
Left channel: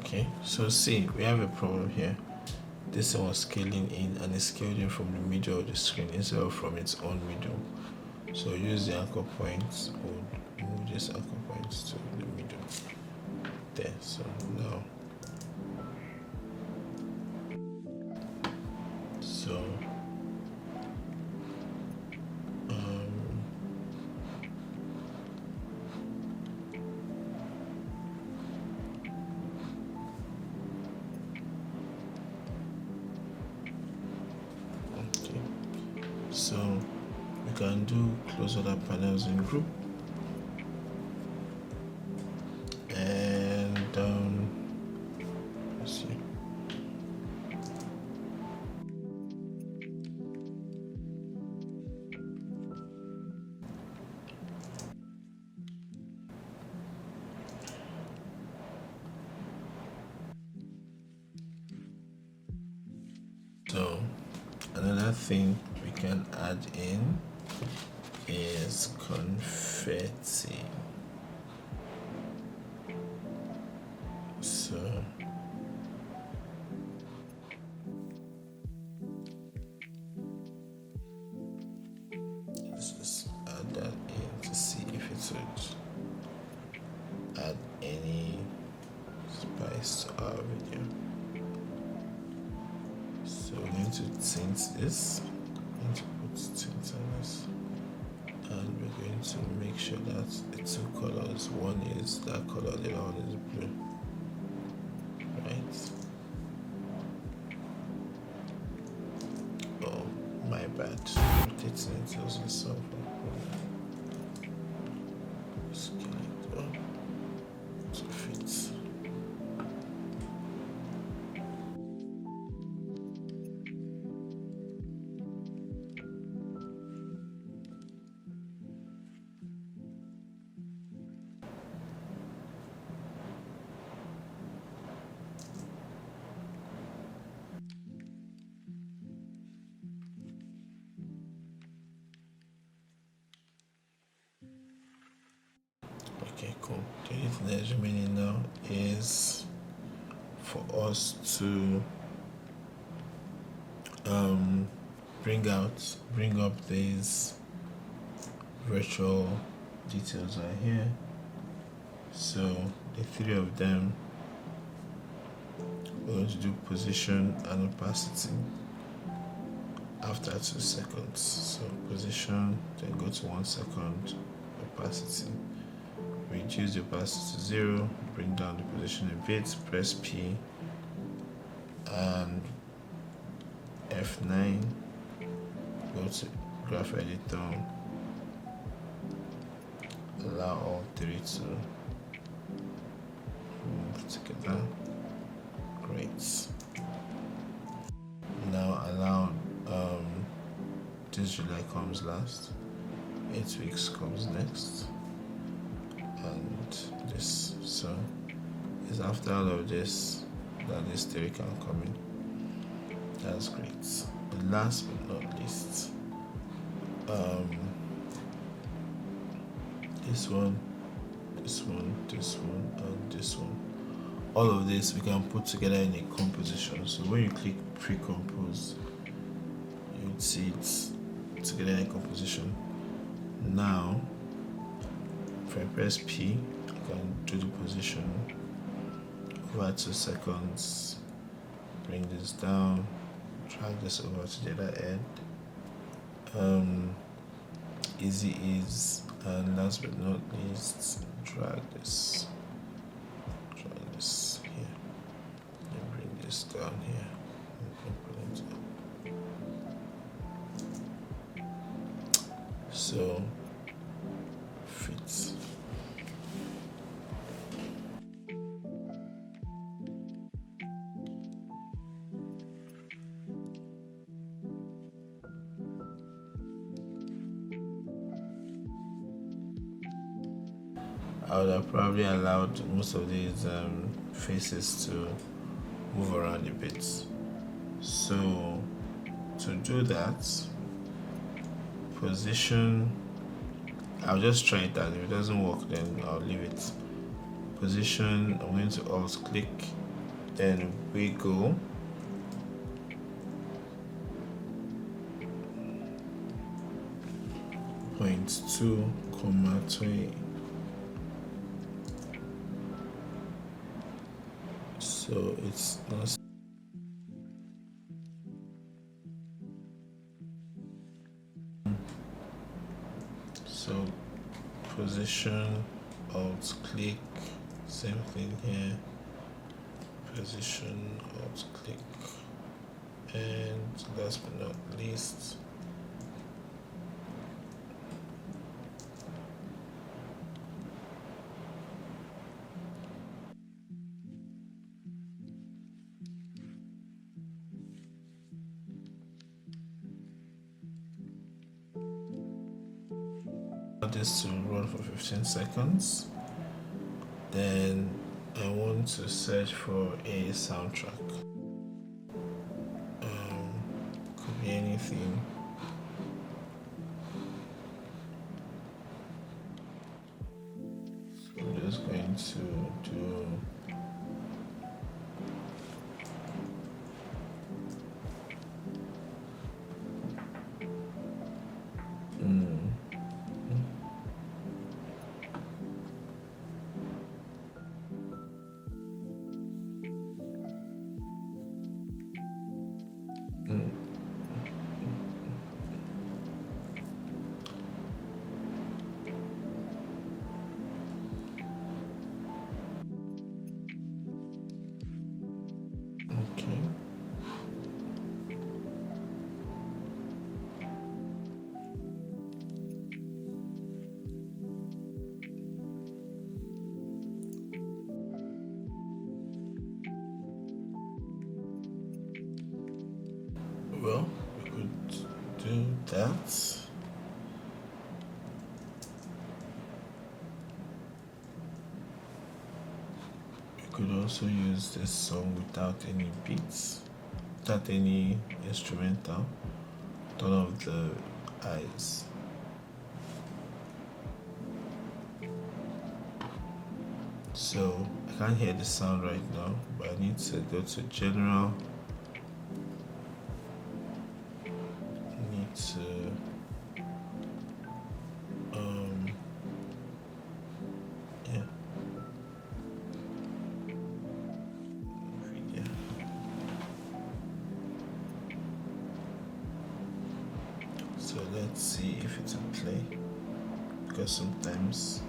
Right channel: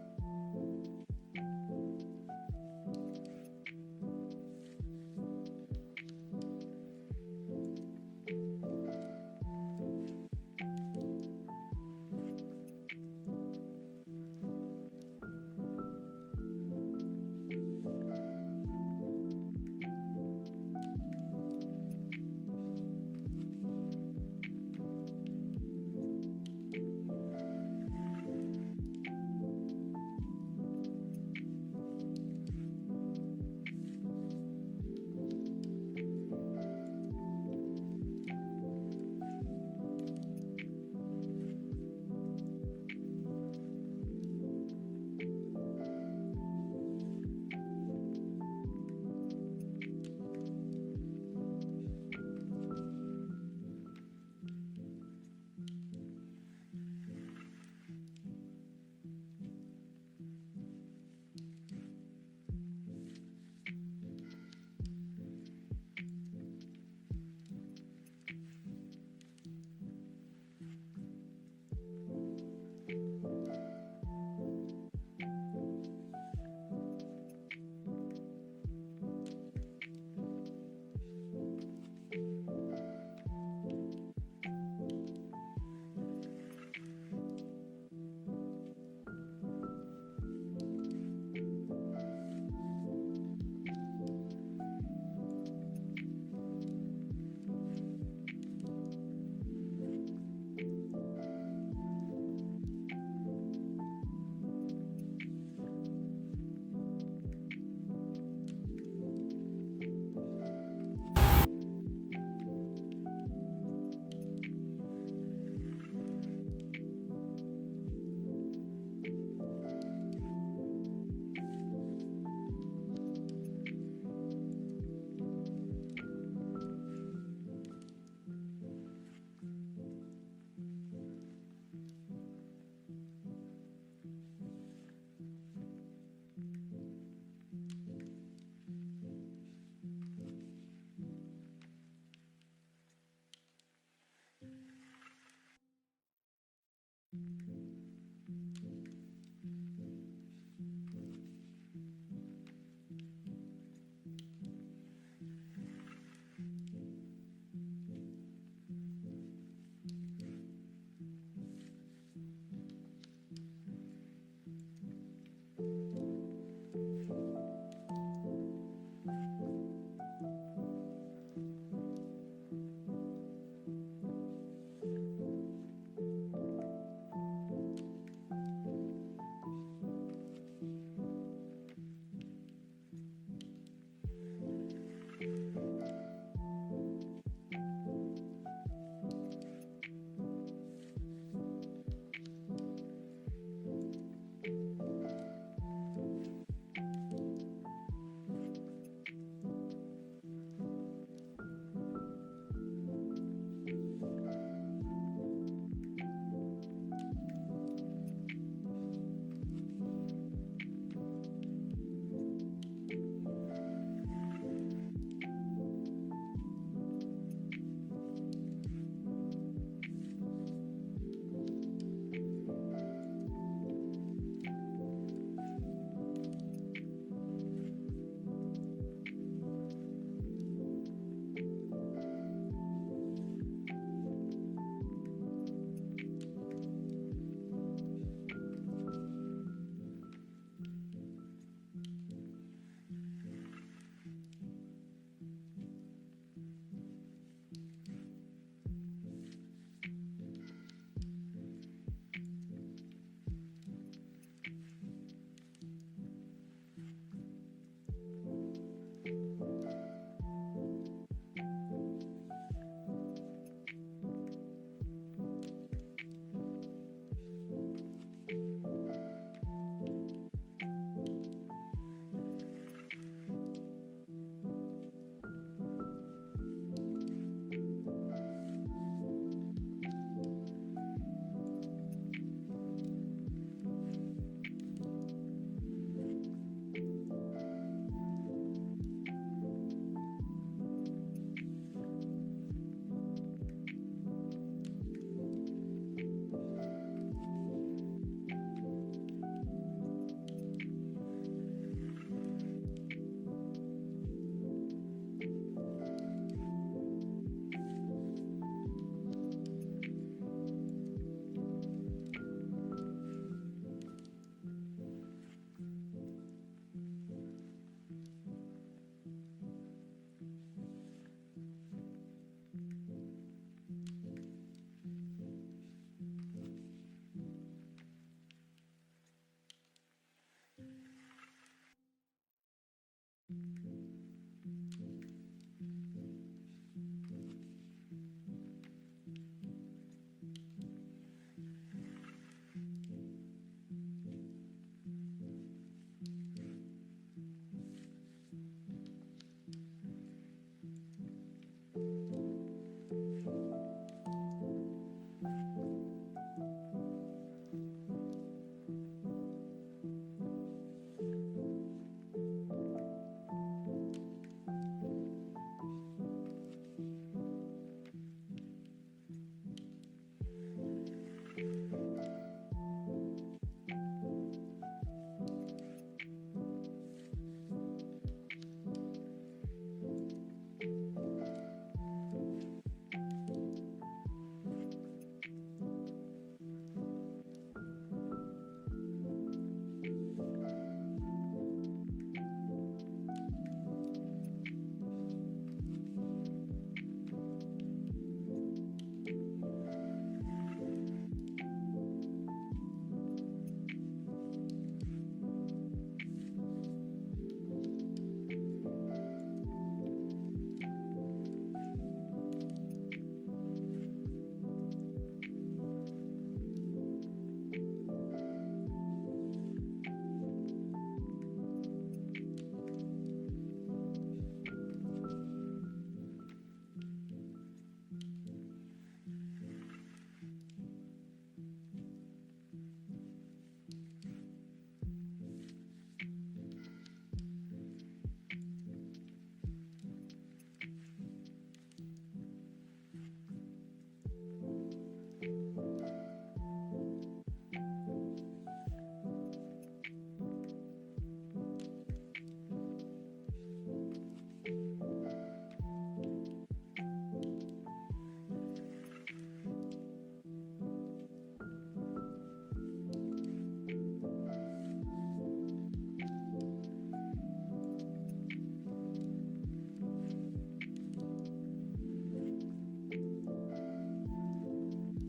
Okay, so see, we have a problem here. This one was scaling in and it's scaling from the middle of the screen instead of from its own middle. So use the anchor points, we'll move this anchor points to the middle. There, so now. So so we can do close other panels in group, and let's see. So another thing we can add in is confetti. So let's just add that in to see if it would add any spice to our video. So we're going to tint this. I'm going to put tint on this, and we're going to make sure that the two colors, one is that color, the other one is blue. Right? Oh, my bad. Rotating it doesn't solve that problem. Scale it up to fit. Okay, cool. The only thing that is remaining now is for us to bring up these virtual details right here. So the three of them, we're going to do position and opacity. After that 2 seconds. So position, then go to 1 second, opacity. Reduce the opacity to 0, bring down the position a bit, press P and F9, go to graph editor, allow all three to move together. Great. Now allow this July comes last, 8 weeks comes next, and this. So it's after all of this that this theory can come in. That's great. And last but not least, this one, and this one. All of this we can put together in a composition. So when you click pre-compose, you'd see it together in a composition. Now, if I press P, I can do the position over 2 seconds, bring this down, drag this over to the other end. Easy ease, and last but not least, drag this here, and bring this down here. So fits. I would have probably allowed most of these faces to move around a bit. So to do that, position, I'll just try it out. If it doesn't work, then I'll leave it. Position, I'm going to alt click, then wiggle. Point 2, 20. So it's not. So position, alt click, same thing here. Position, alt click, and last but not least, this to run for 15 seconds. Then I want to search for a soundtrack. Could be anything. So I'm just going to do that. You could also use this song without any beats, without any instrumental, turn off the eyes. So I can't hear the sound right now, but I need to go to general. Let's see if it's in play, because sometimes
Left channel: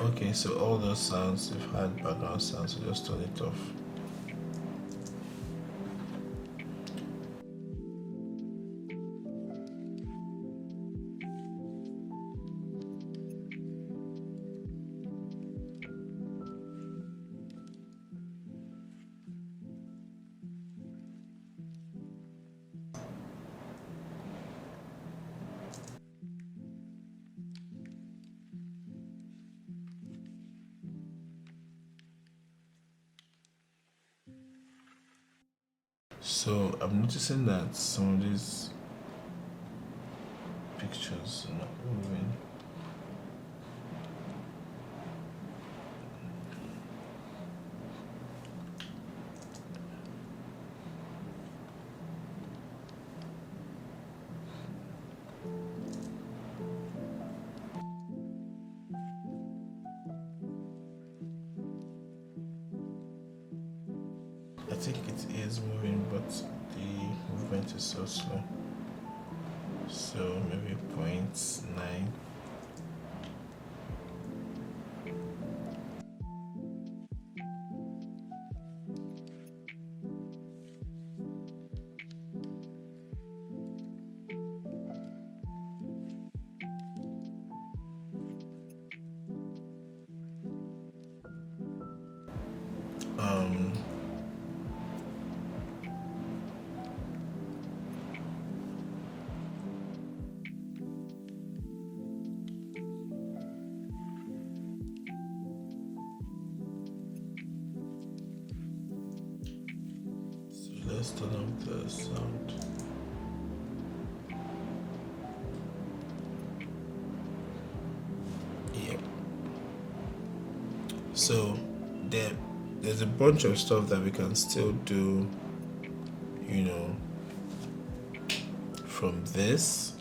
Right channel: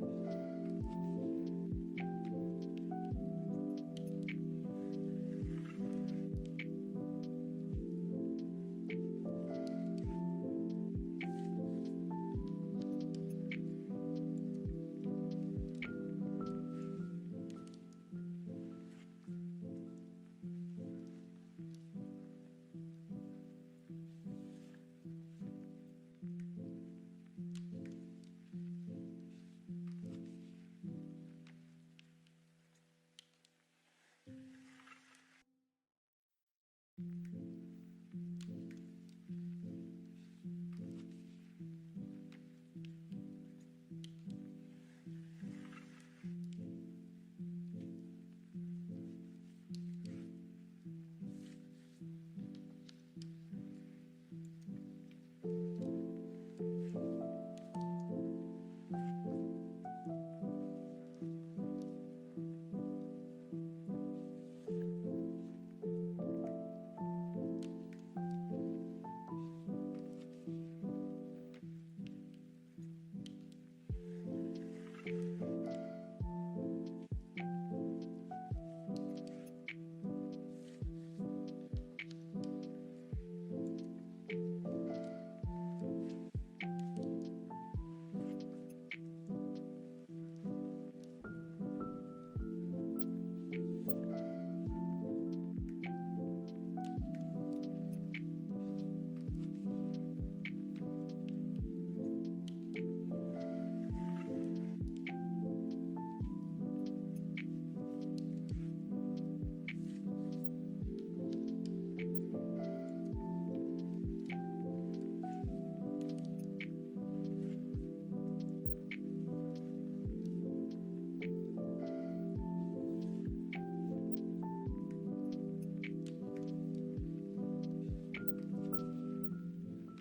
okay, so all those sounds, if I had background sounds, so just turn it off. So I'm noticing that some of these pictures are not moving. I think it is moving, but the movement is so slow. So maybe 0.9. Let's turn off the sound. Yeah. So there's a bunch of stuff that we can still do, you know, from this.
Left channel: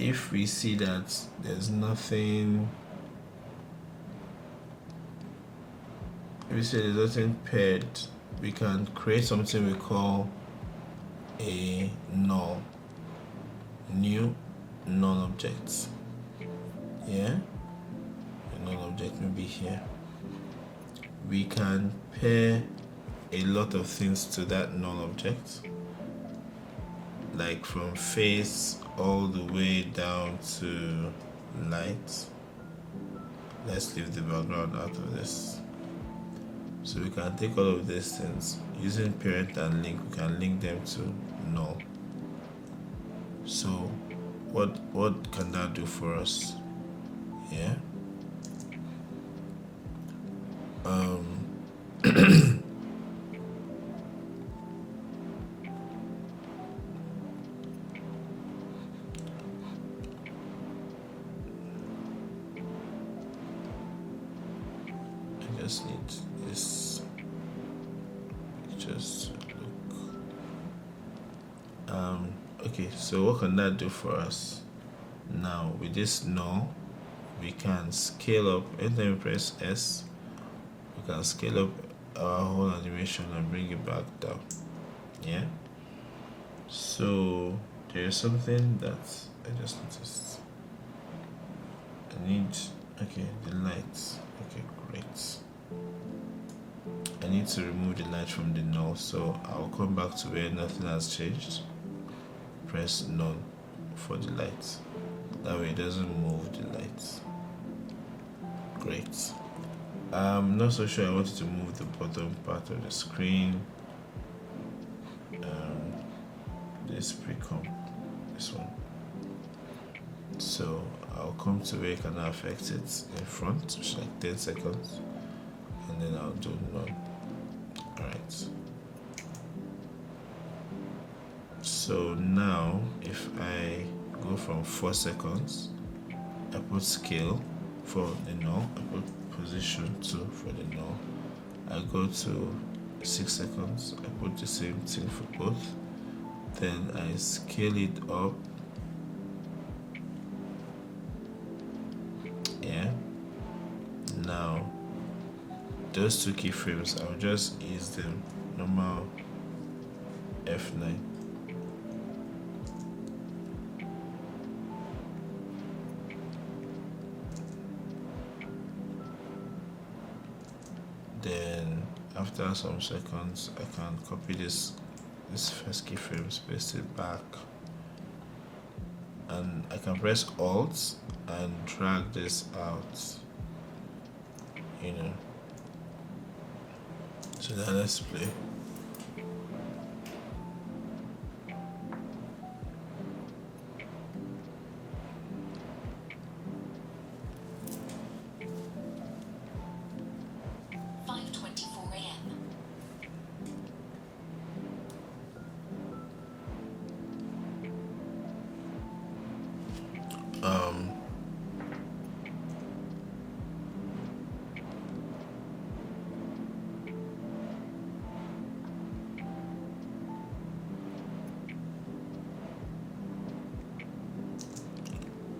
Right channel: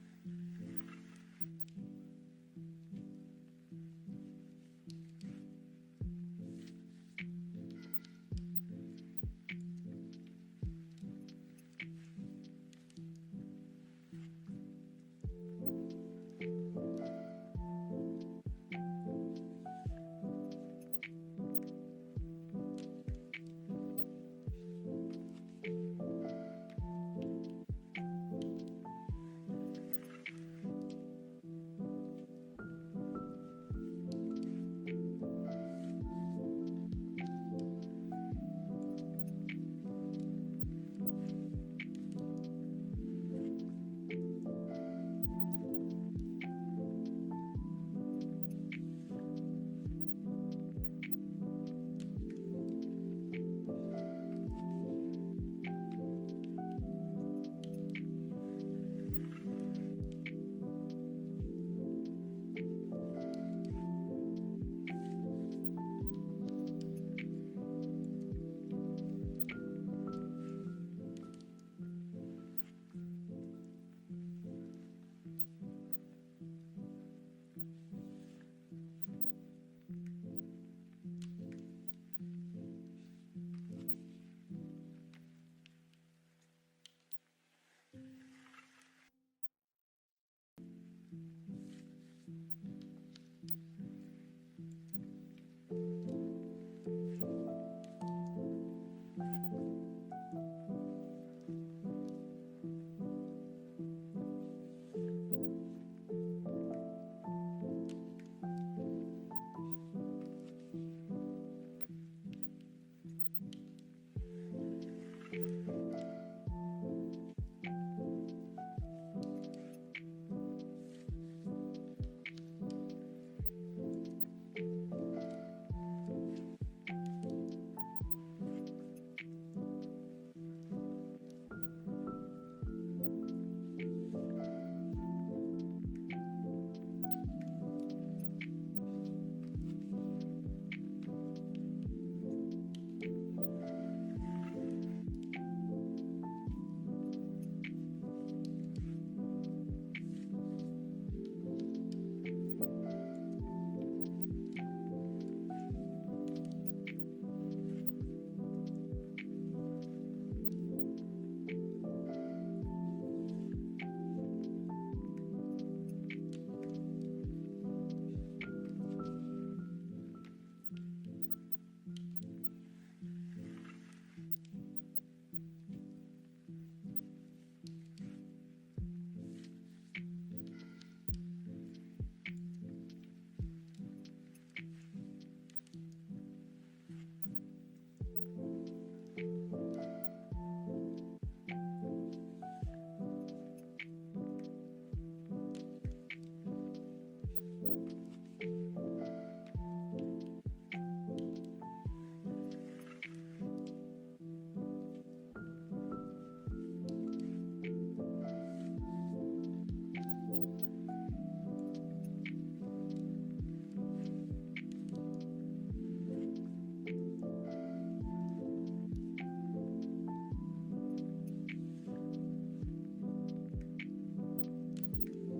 If we see that there's nothing, if we see there's nothing paired, we can create something we call a null, new null object. Yeah, a null object may be here. We can pair a lot of things to that null object, like from face all the way down to light. Let's leave the background out of this. So we can take all of these things using parent and link. We can link them to null. So what can that do for us? Yeah. I just need this just look. Okay, so what can that do for us? Now with this null, we can scale up. Anytime we press S, we can scale up our whole animation and bring it back down. Yeah. So there's something that I just noticed. I need, okay, the lights. Okay, great. I need to remove the light from the null, so I'll come back to where nothing has changed. Press none for the light. That way it doesn't move the lights. Great. I'm not so sure I wanted to move the bottom part of the screen. This pre-comp, this one. So I'll come to where it can affect it in front, which is like 10 seconds, and then I'll do none. Alright. So now if I go from 4 seconds, I put scale for the null, I put position 2 for the null, I go to 6 seconds, I put the same thing for both, then I scale it up. Yeah. Now those two keyframes, I'll just use the normal F9. Then after some seconds, I can copy this first keyframe, paste it back, and I can press Alt and drag this out, you know. So now let's play.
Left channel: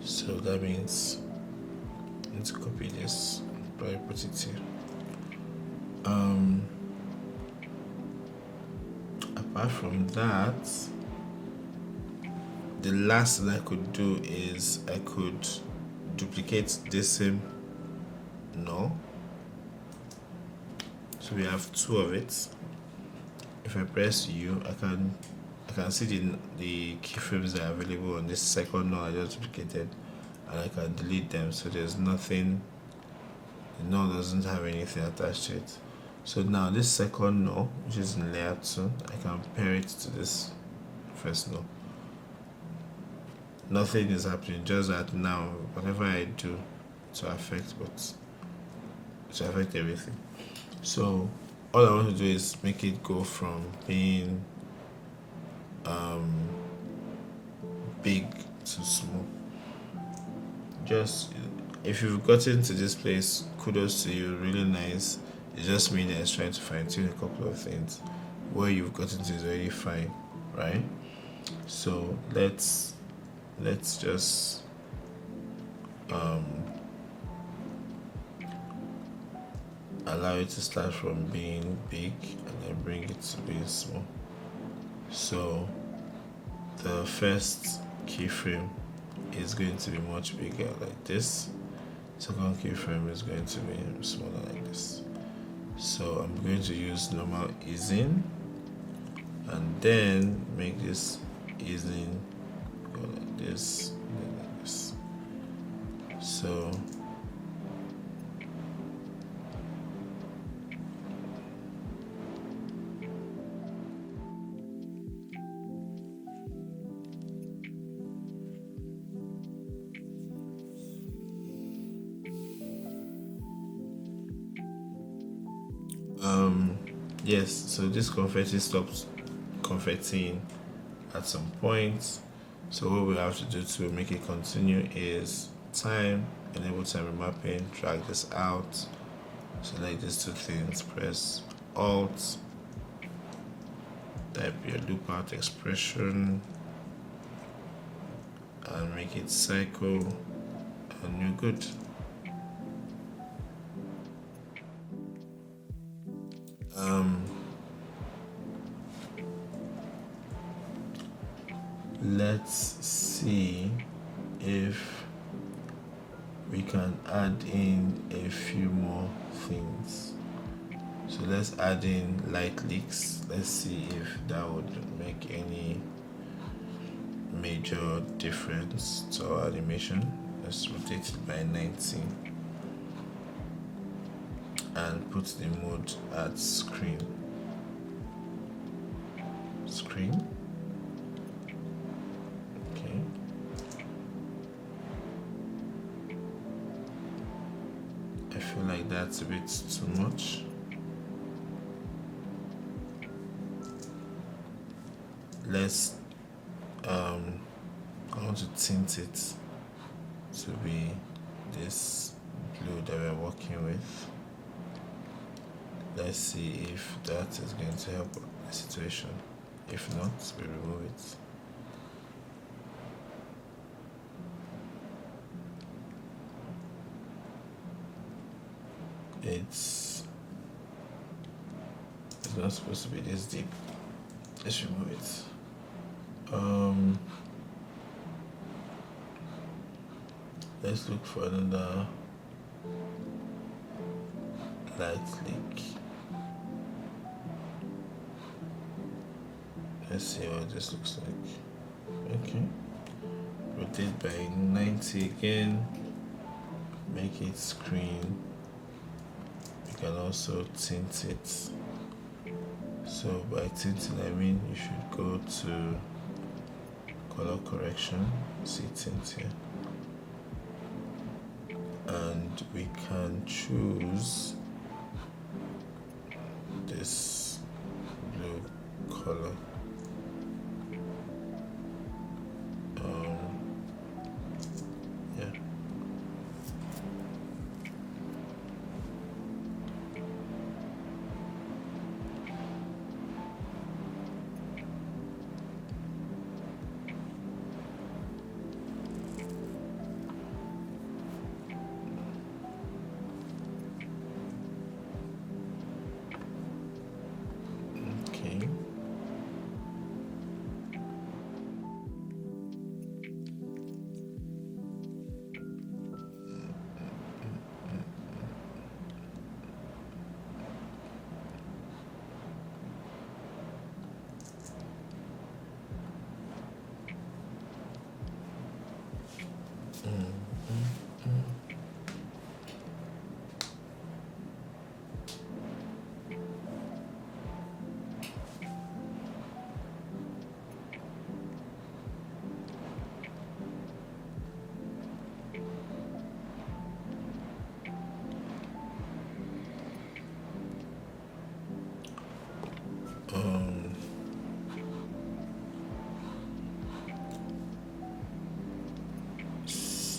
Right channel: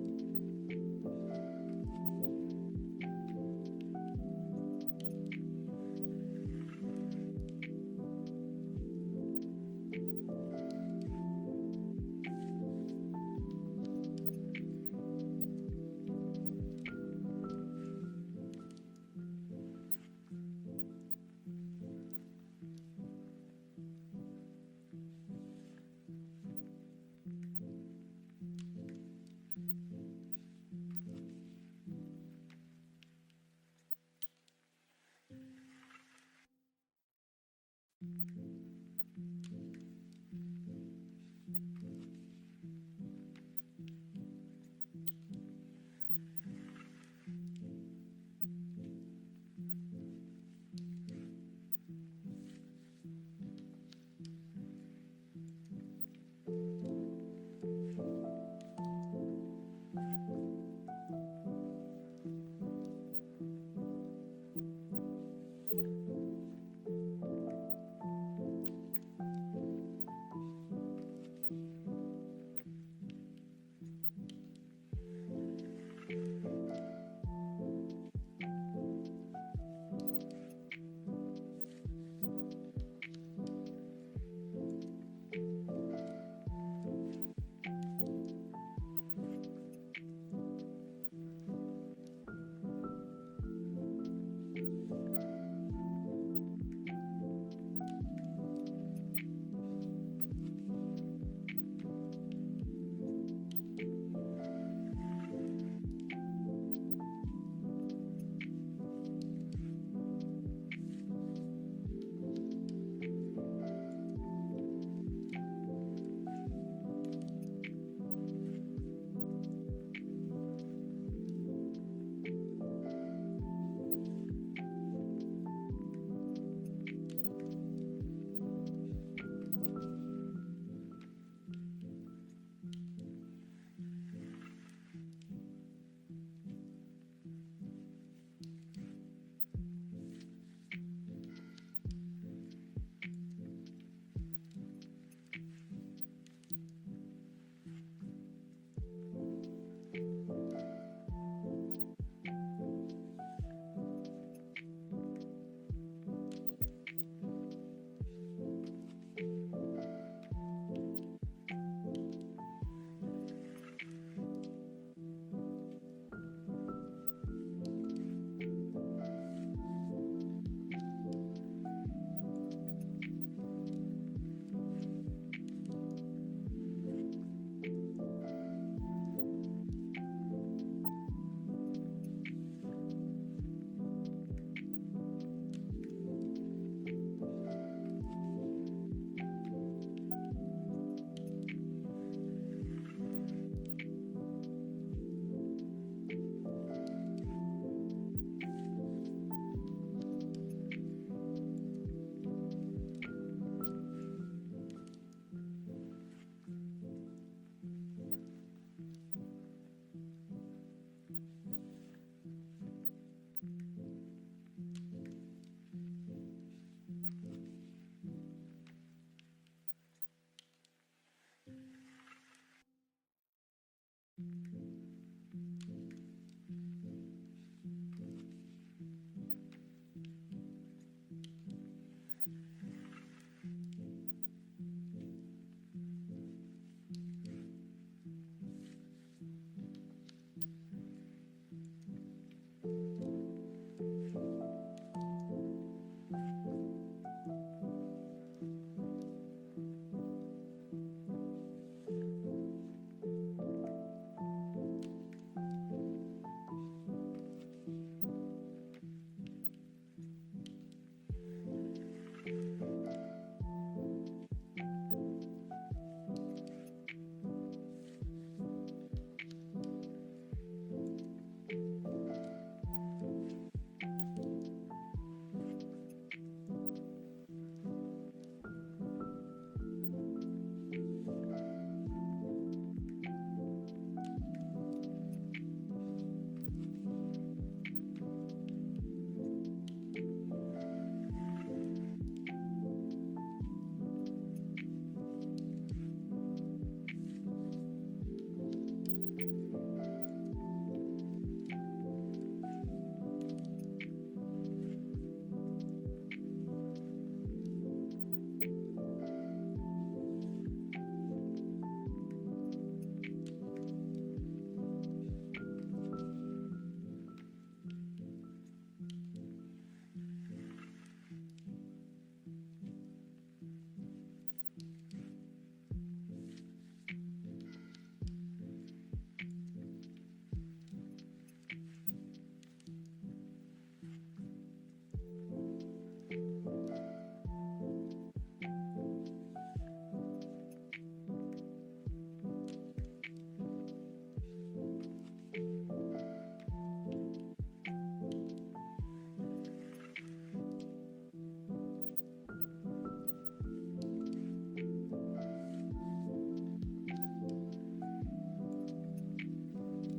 So that means I need to copy this, probably put it here. Apart from that, the last thing I could do is I could duplicate this same null. So we have two of it. If I press U, I can see the keyframes that are available on this second null I just duplicated, and I can delete them, so there's nothing, the null doesn't have anything attached to it. So now this second null, which is in layer 2, I can pair it to this first null. Nothing is happening, just that now whatever I do to affect everything. So all I want to do is make it go from being big to small. Just, if you've gotten to this place, kudos to you, really nice. It just means that it's trying to fine tune a couple of things. Where you've gotten to is already fine, right? So let's just allow it to start from being big and then bring it to being small. So the first keyframe is going to be much bigger like this. Second keyframe is going to be smaller like this. So I'm going to use normal easing and then make this easing go like this and like this. So yes, so this confetti stops confetting at some point. So what we have to do to make it continue is time, enable time remapping, drag this out, select these two things, press Alt, type your loop out expression, and make it cycle, and you're good. Let's see if we can add in a few more things. So let's add in light leaks. Let's see if that would make any major difference to our animation. Let's rotate it by 90 and put the mode at screen. That's a bit too much. Let's I want to tint it to be this blue that we're working with. Let's see if that is going to help the situation. If not, we remove it. It's It's not supposed to be this deep. Let's remove it. Let's look for another light leak. Let's see what this looks like. Okay. Rotate by 90 again. Make it screen. You can also tint it. So by tinting I mean you should go to color correction, see tint here, and we can choose this blue color.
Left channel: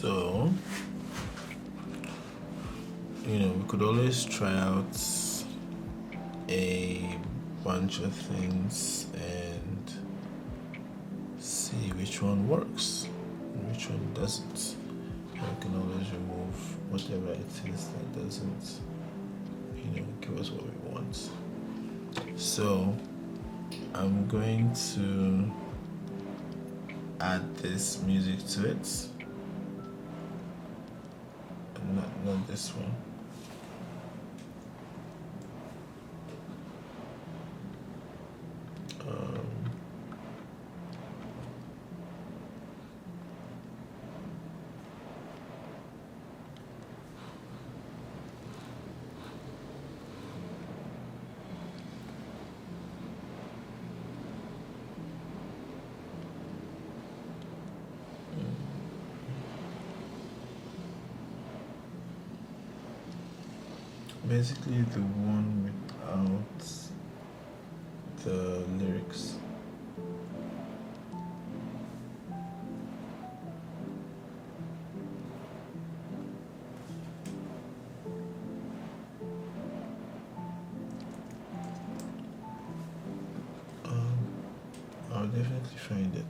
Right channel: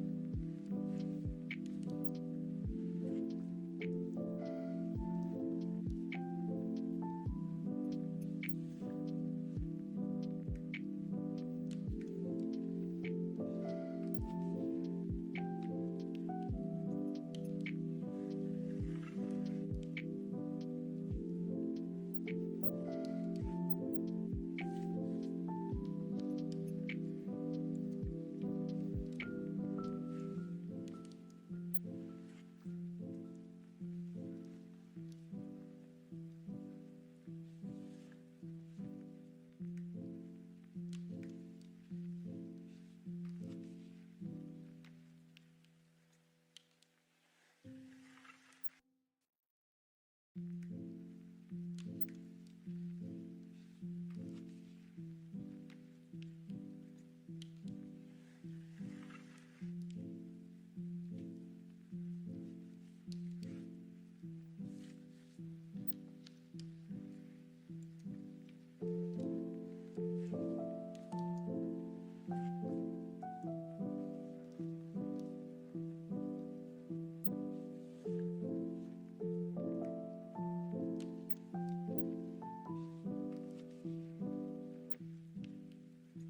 So, we could always try out a bunch of things and see which one works and which one doesn't. We can always remove whatever it is that doesn't, give us what we want. So, I'm going to add this music to it. Not this one. Basically the one without the lyrics. I'll definitely find it.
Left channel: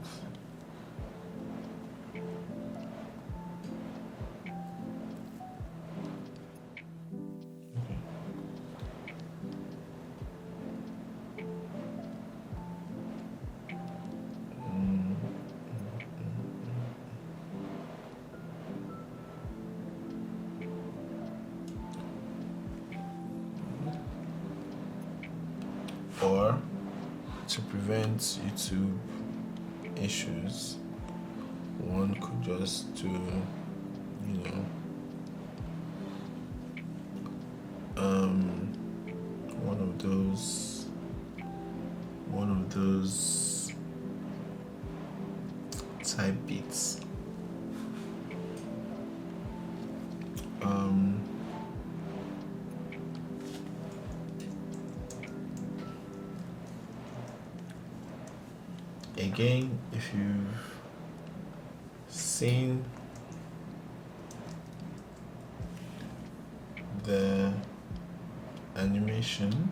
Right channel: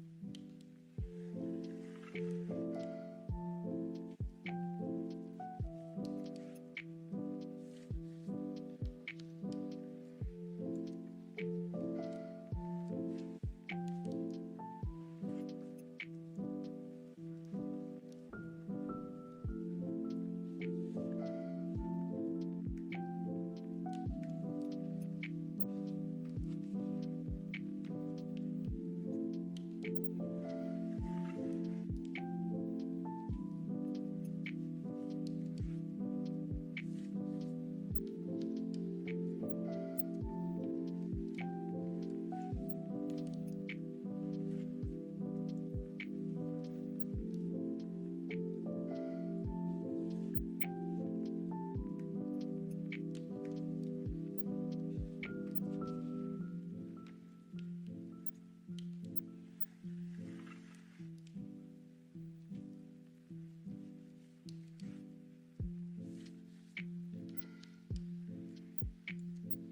Or to prevent YouTube issues, one could just do, one of those type beats. Again, if you've seen the animation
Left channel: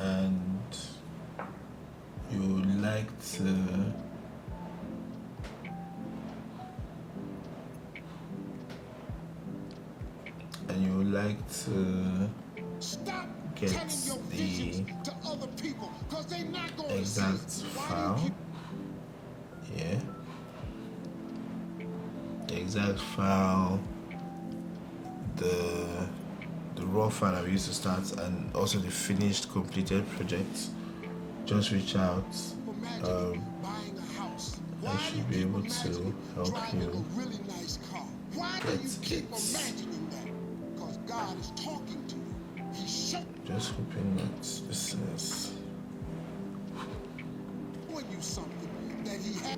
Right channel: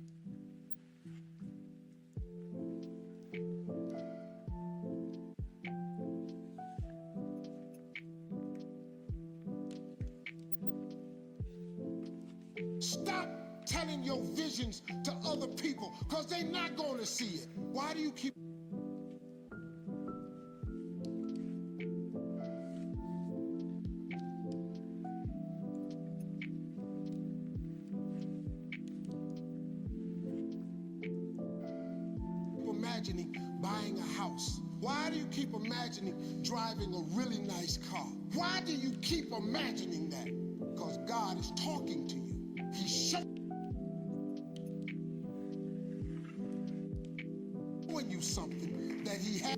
and you would like to Stop telling your visions to other people, because they're not going to see it. Why do you keep... Yeah. The exact file, the raw file I used to start, and also the finished completed projects. Just reach out. Imagining buying a house. Why do you keep imagining driving a really nice car? Why do you keep imagining that? Because God is talking to you. He's just hoping that this is showing you something that he has.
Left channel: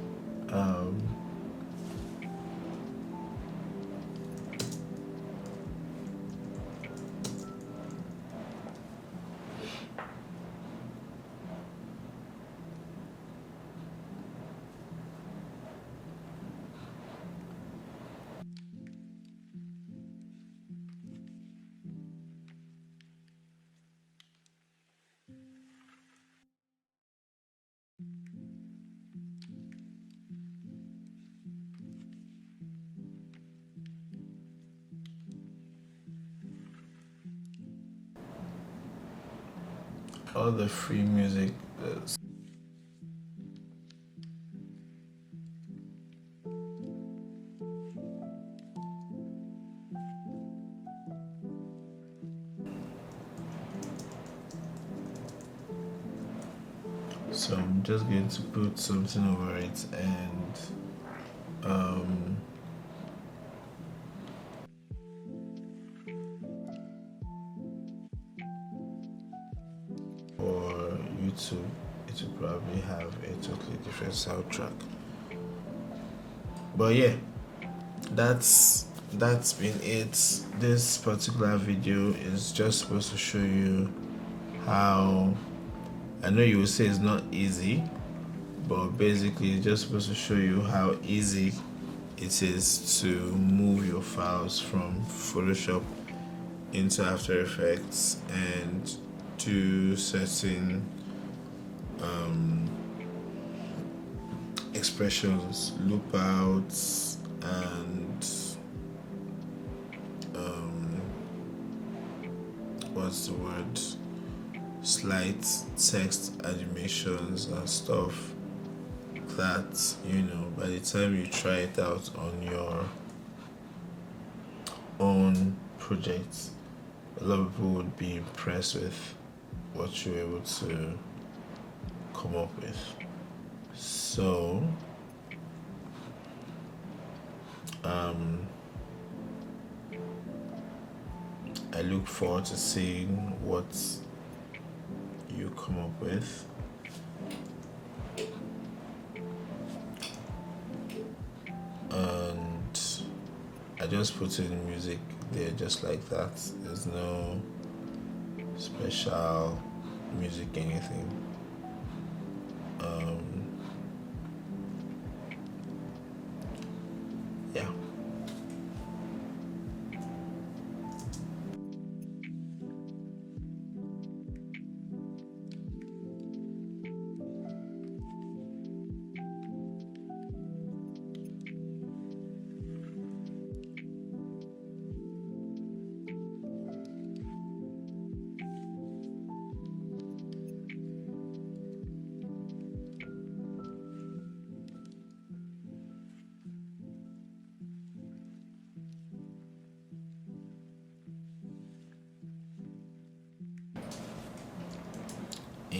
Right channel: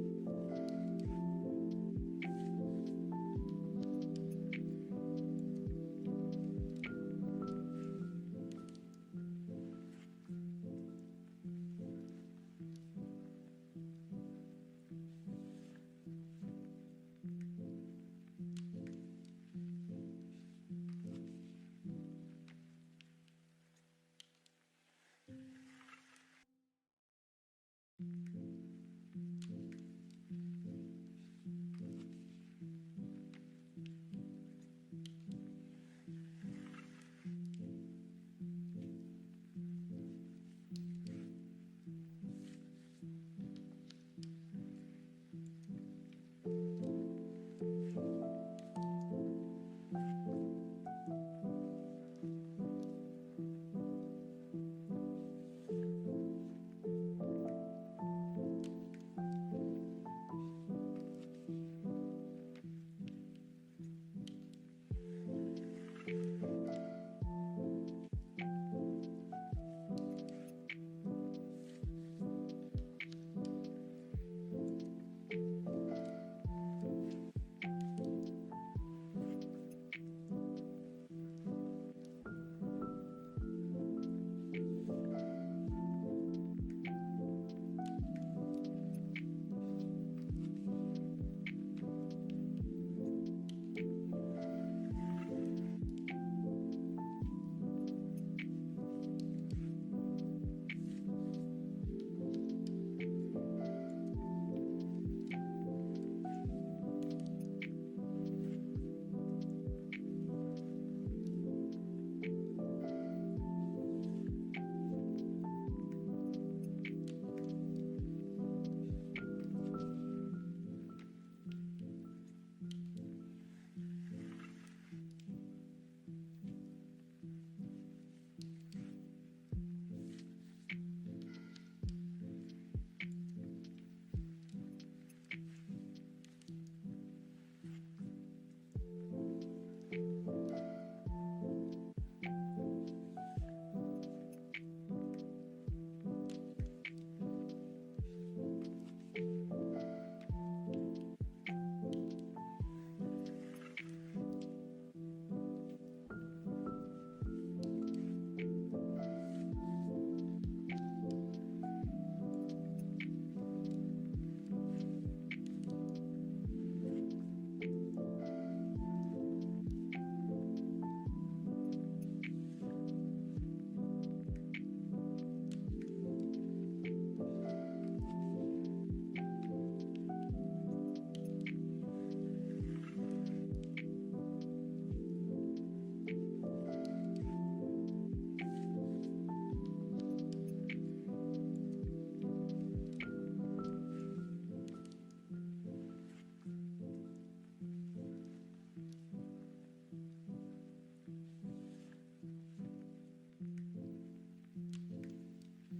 all the free music. So I'm just going to put something over it, and for YouTube it will probably have a totally different soundtrack. But yeah, that's been it. This particular video is just supposed to show you how, I know you will say it's not easy, but basically it's just supposed to show you how easy it is to move your files from Photoshop into After Effects and do certain expressions, loop outs, and what's the word, slight text animations and stuff that, you know, by the time you try it out on your own projects, a lot of people would be impressed with what you're able to come up with. So I look forward to seeing what you come up with. And I just put in music there just like that. There's no special music anything. Yeah.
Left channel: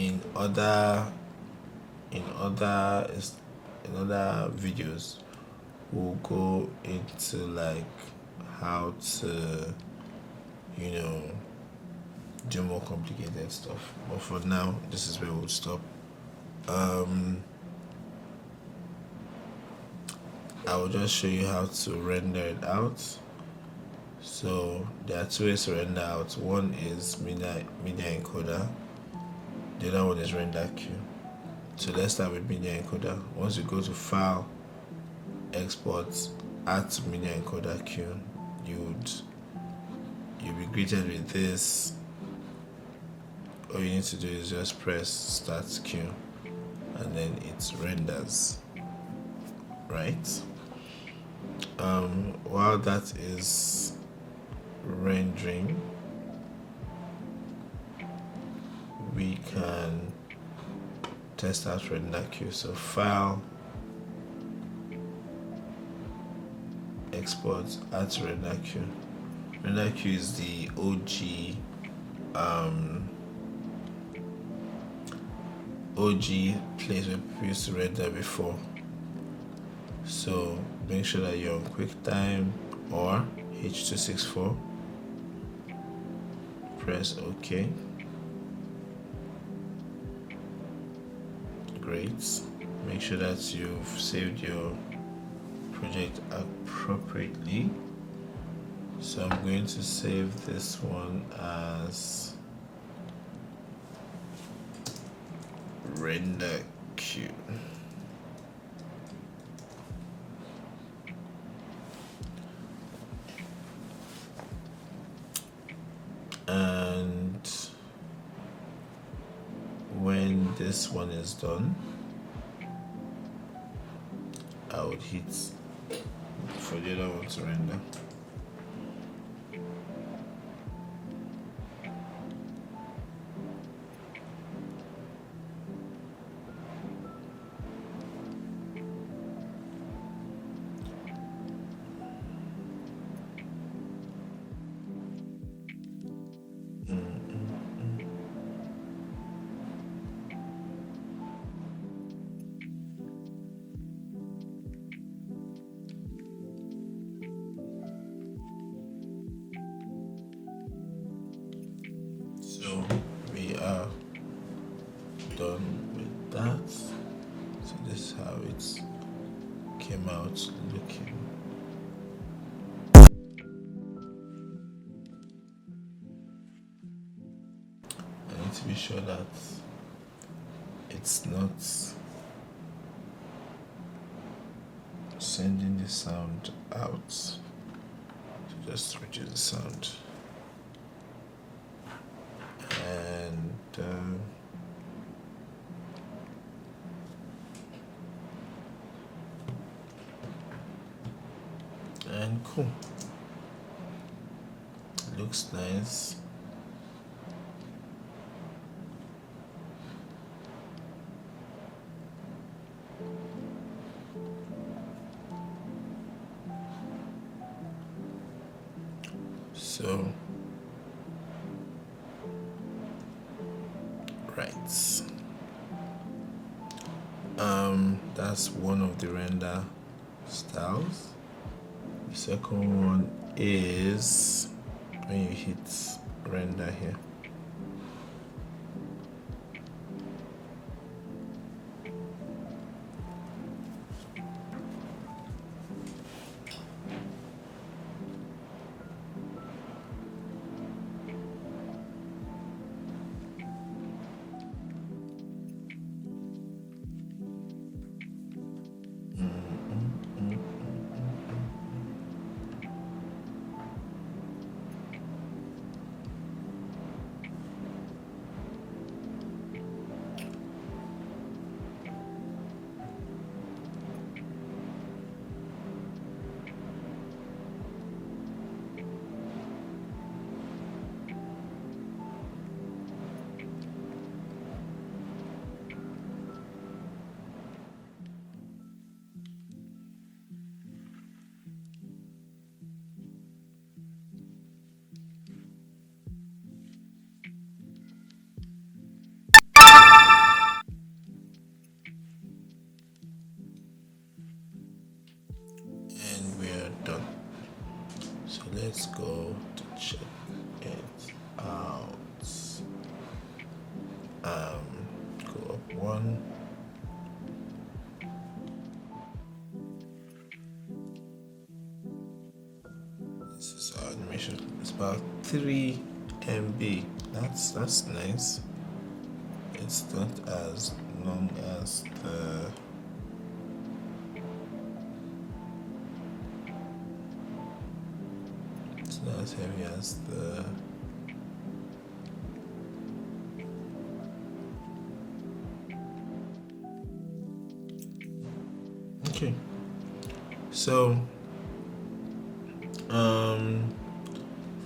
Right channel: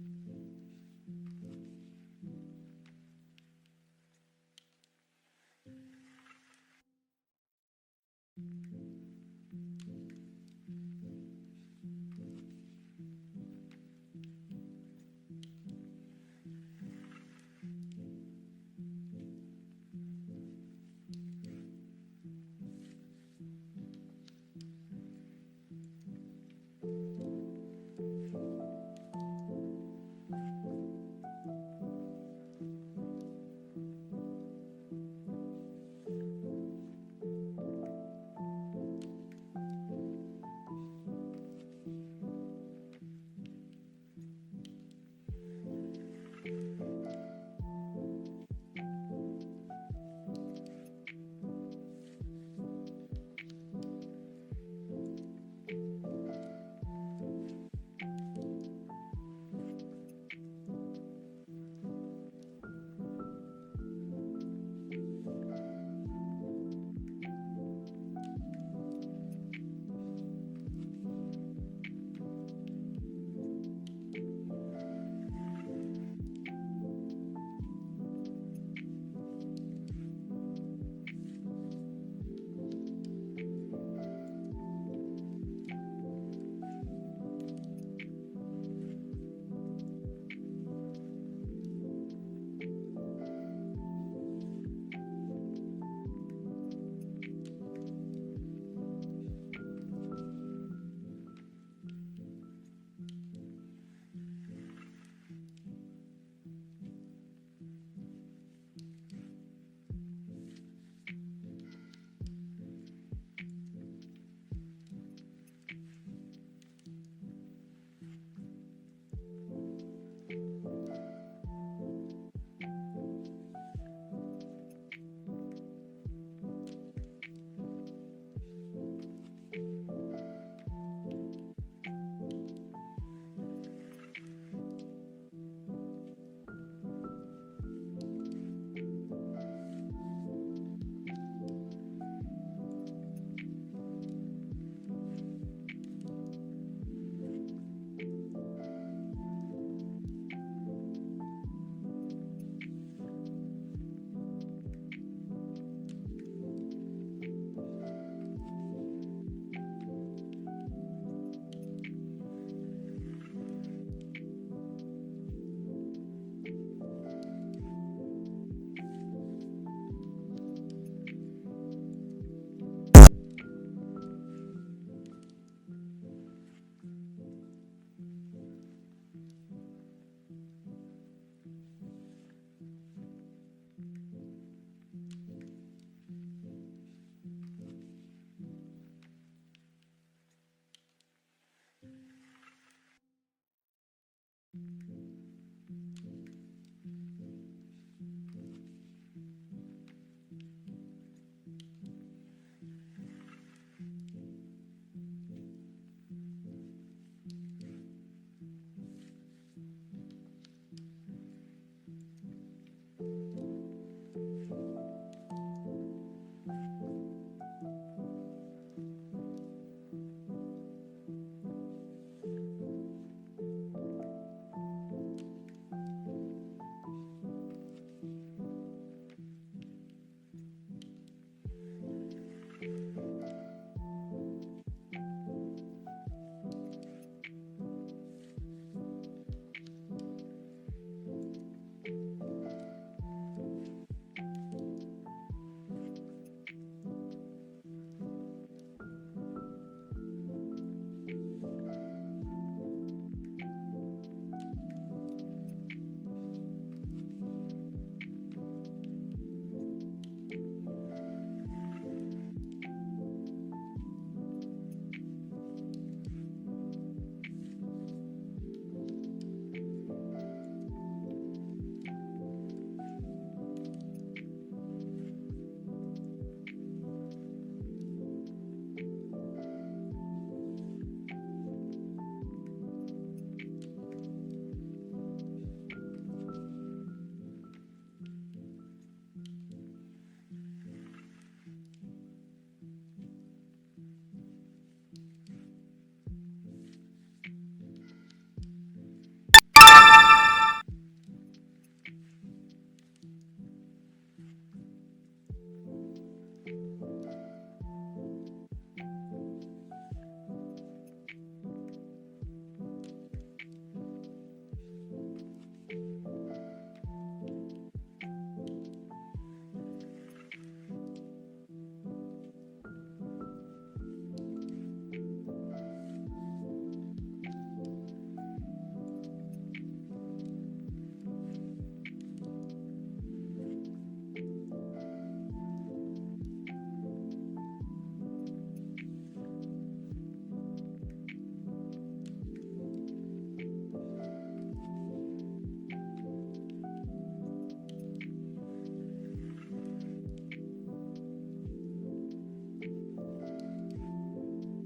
in other videos we'll go into like how to, you know, do more complicated stuff, but for now this is where we'll stop. I will just show you how to render it out. So there are two ways to render out. One is media encoder, the other one is render queue. So let's start with media encoder. Once you go to file, export, add to media encoder queue, you'll be greeted with this. All you need to do is just press start queue and then it renders, right? While that is rendering, can test out render queue. So file, export, add to render queue. Render queue is the OG place where people used to render before. So make sure that you're on QuickTime or H.264. Press OK. Great. Make sure that you've saved your project appropriately. So I'm going to save this one as render queue. And when this one is done, I would hit for the other one to render. We are done with that. So this is how it came out looking. I need to be sure that it's not sending the sound out. So just reduce the sound. And cool. Looks nice. So right, that's one of the render styles. The second one is when you hit render here. Let's go to check it out. Go up one. This is our animation. It's about 3 MB. That's nice. It's not as long as the as heavy as the okay. So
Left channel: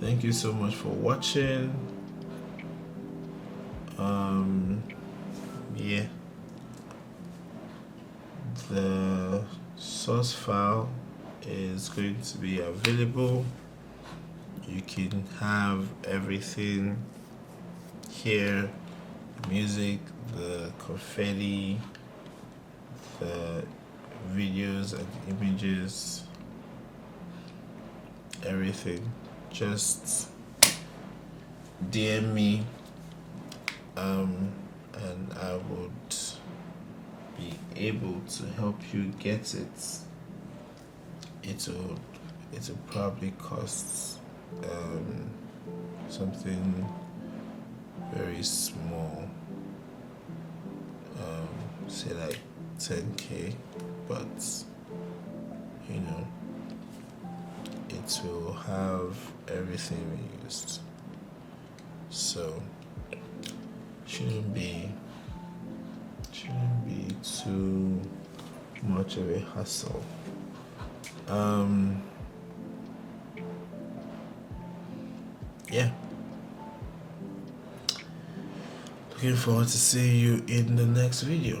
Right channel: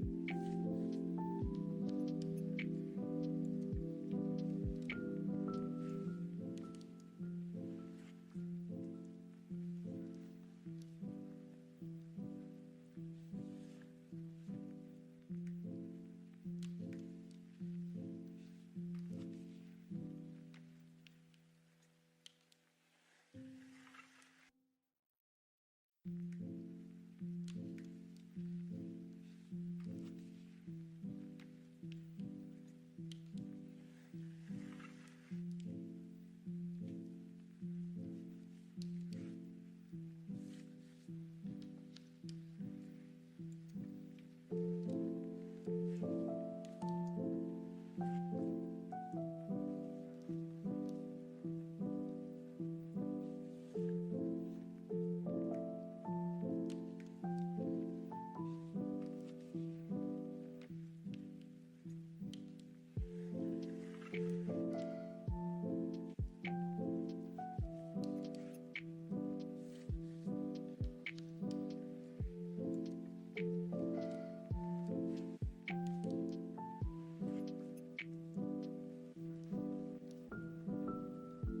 thank you so much for watching. file is going to be available. You can have everything here: music, the confetti, the videos and images, everything. Just DM me, and I would be able to help you get it. It'll probably cost something very small, say like 10K, but you know, it will have everything we used, so shouldn't be too much of a hassle. Yeah, looking forward to seeing you in the next video.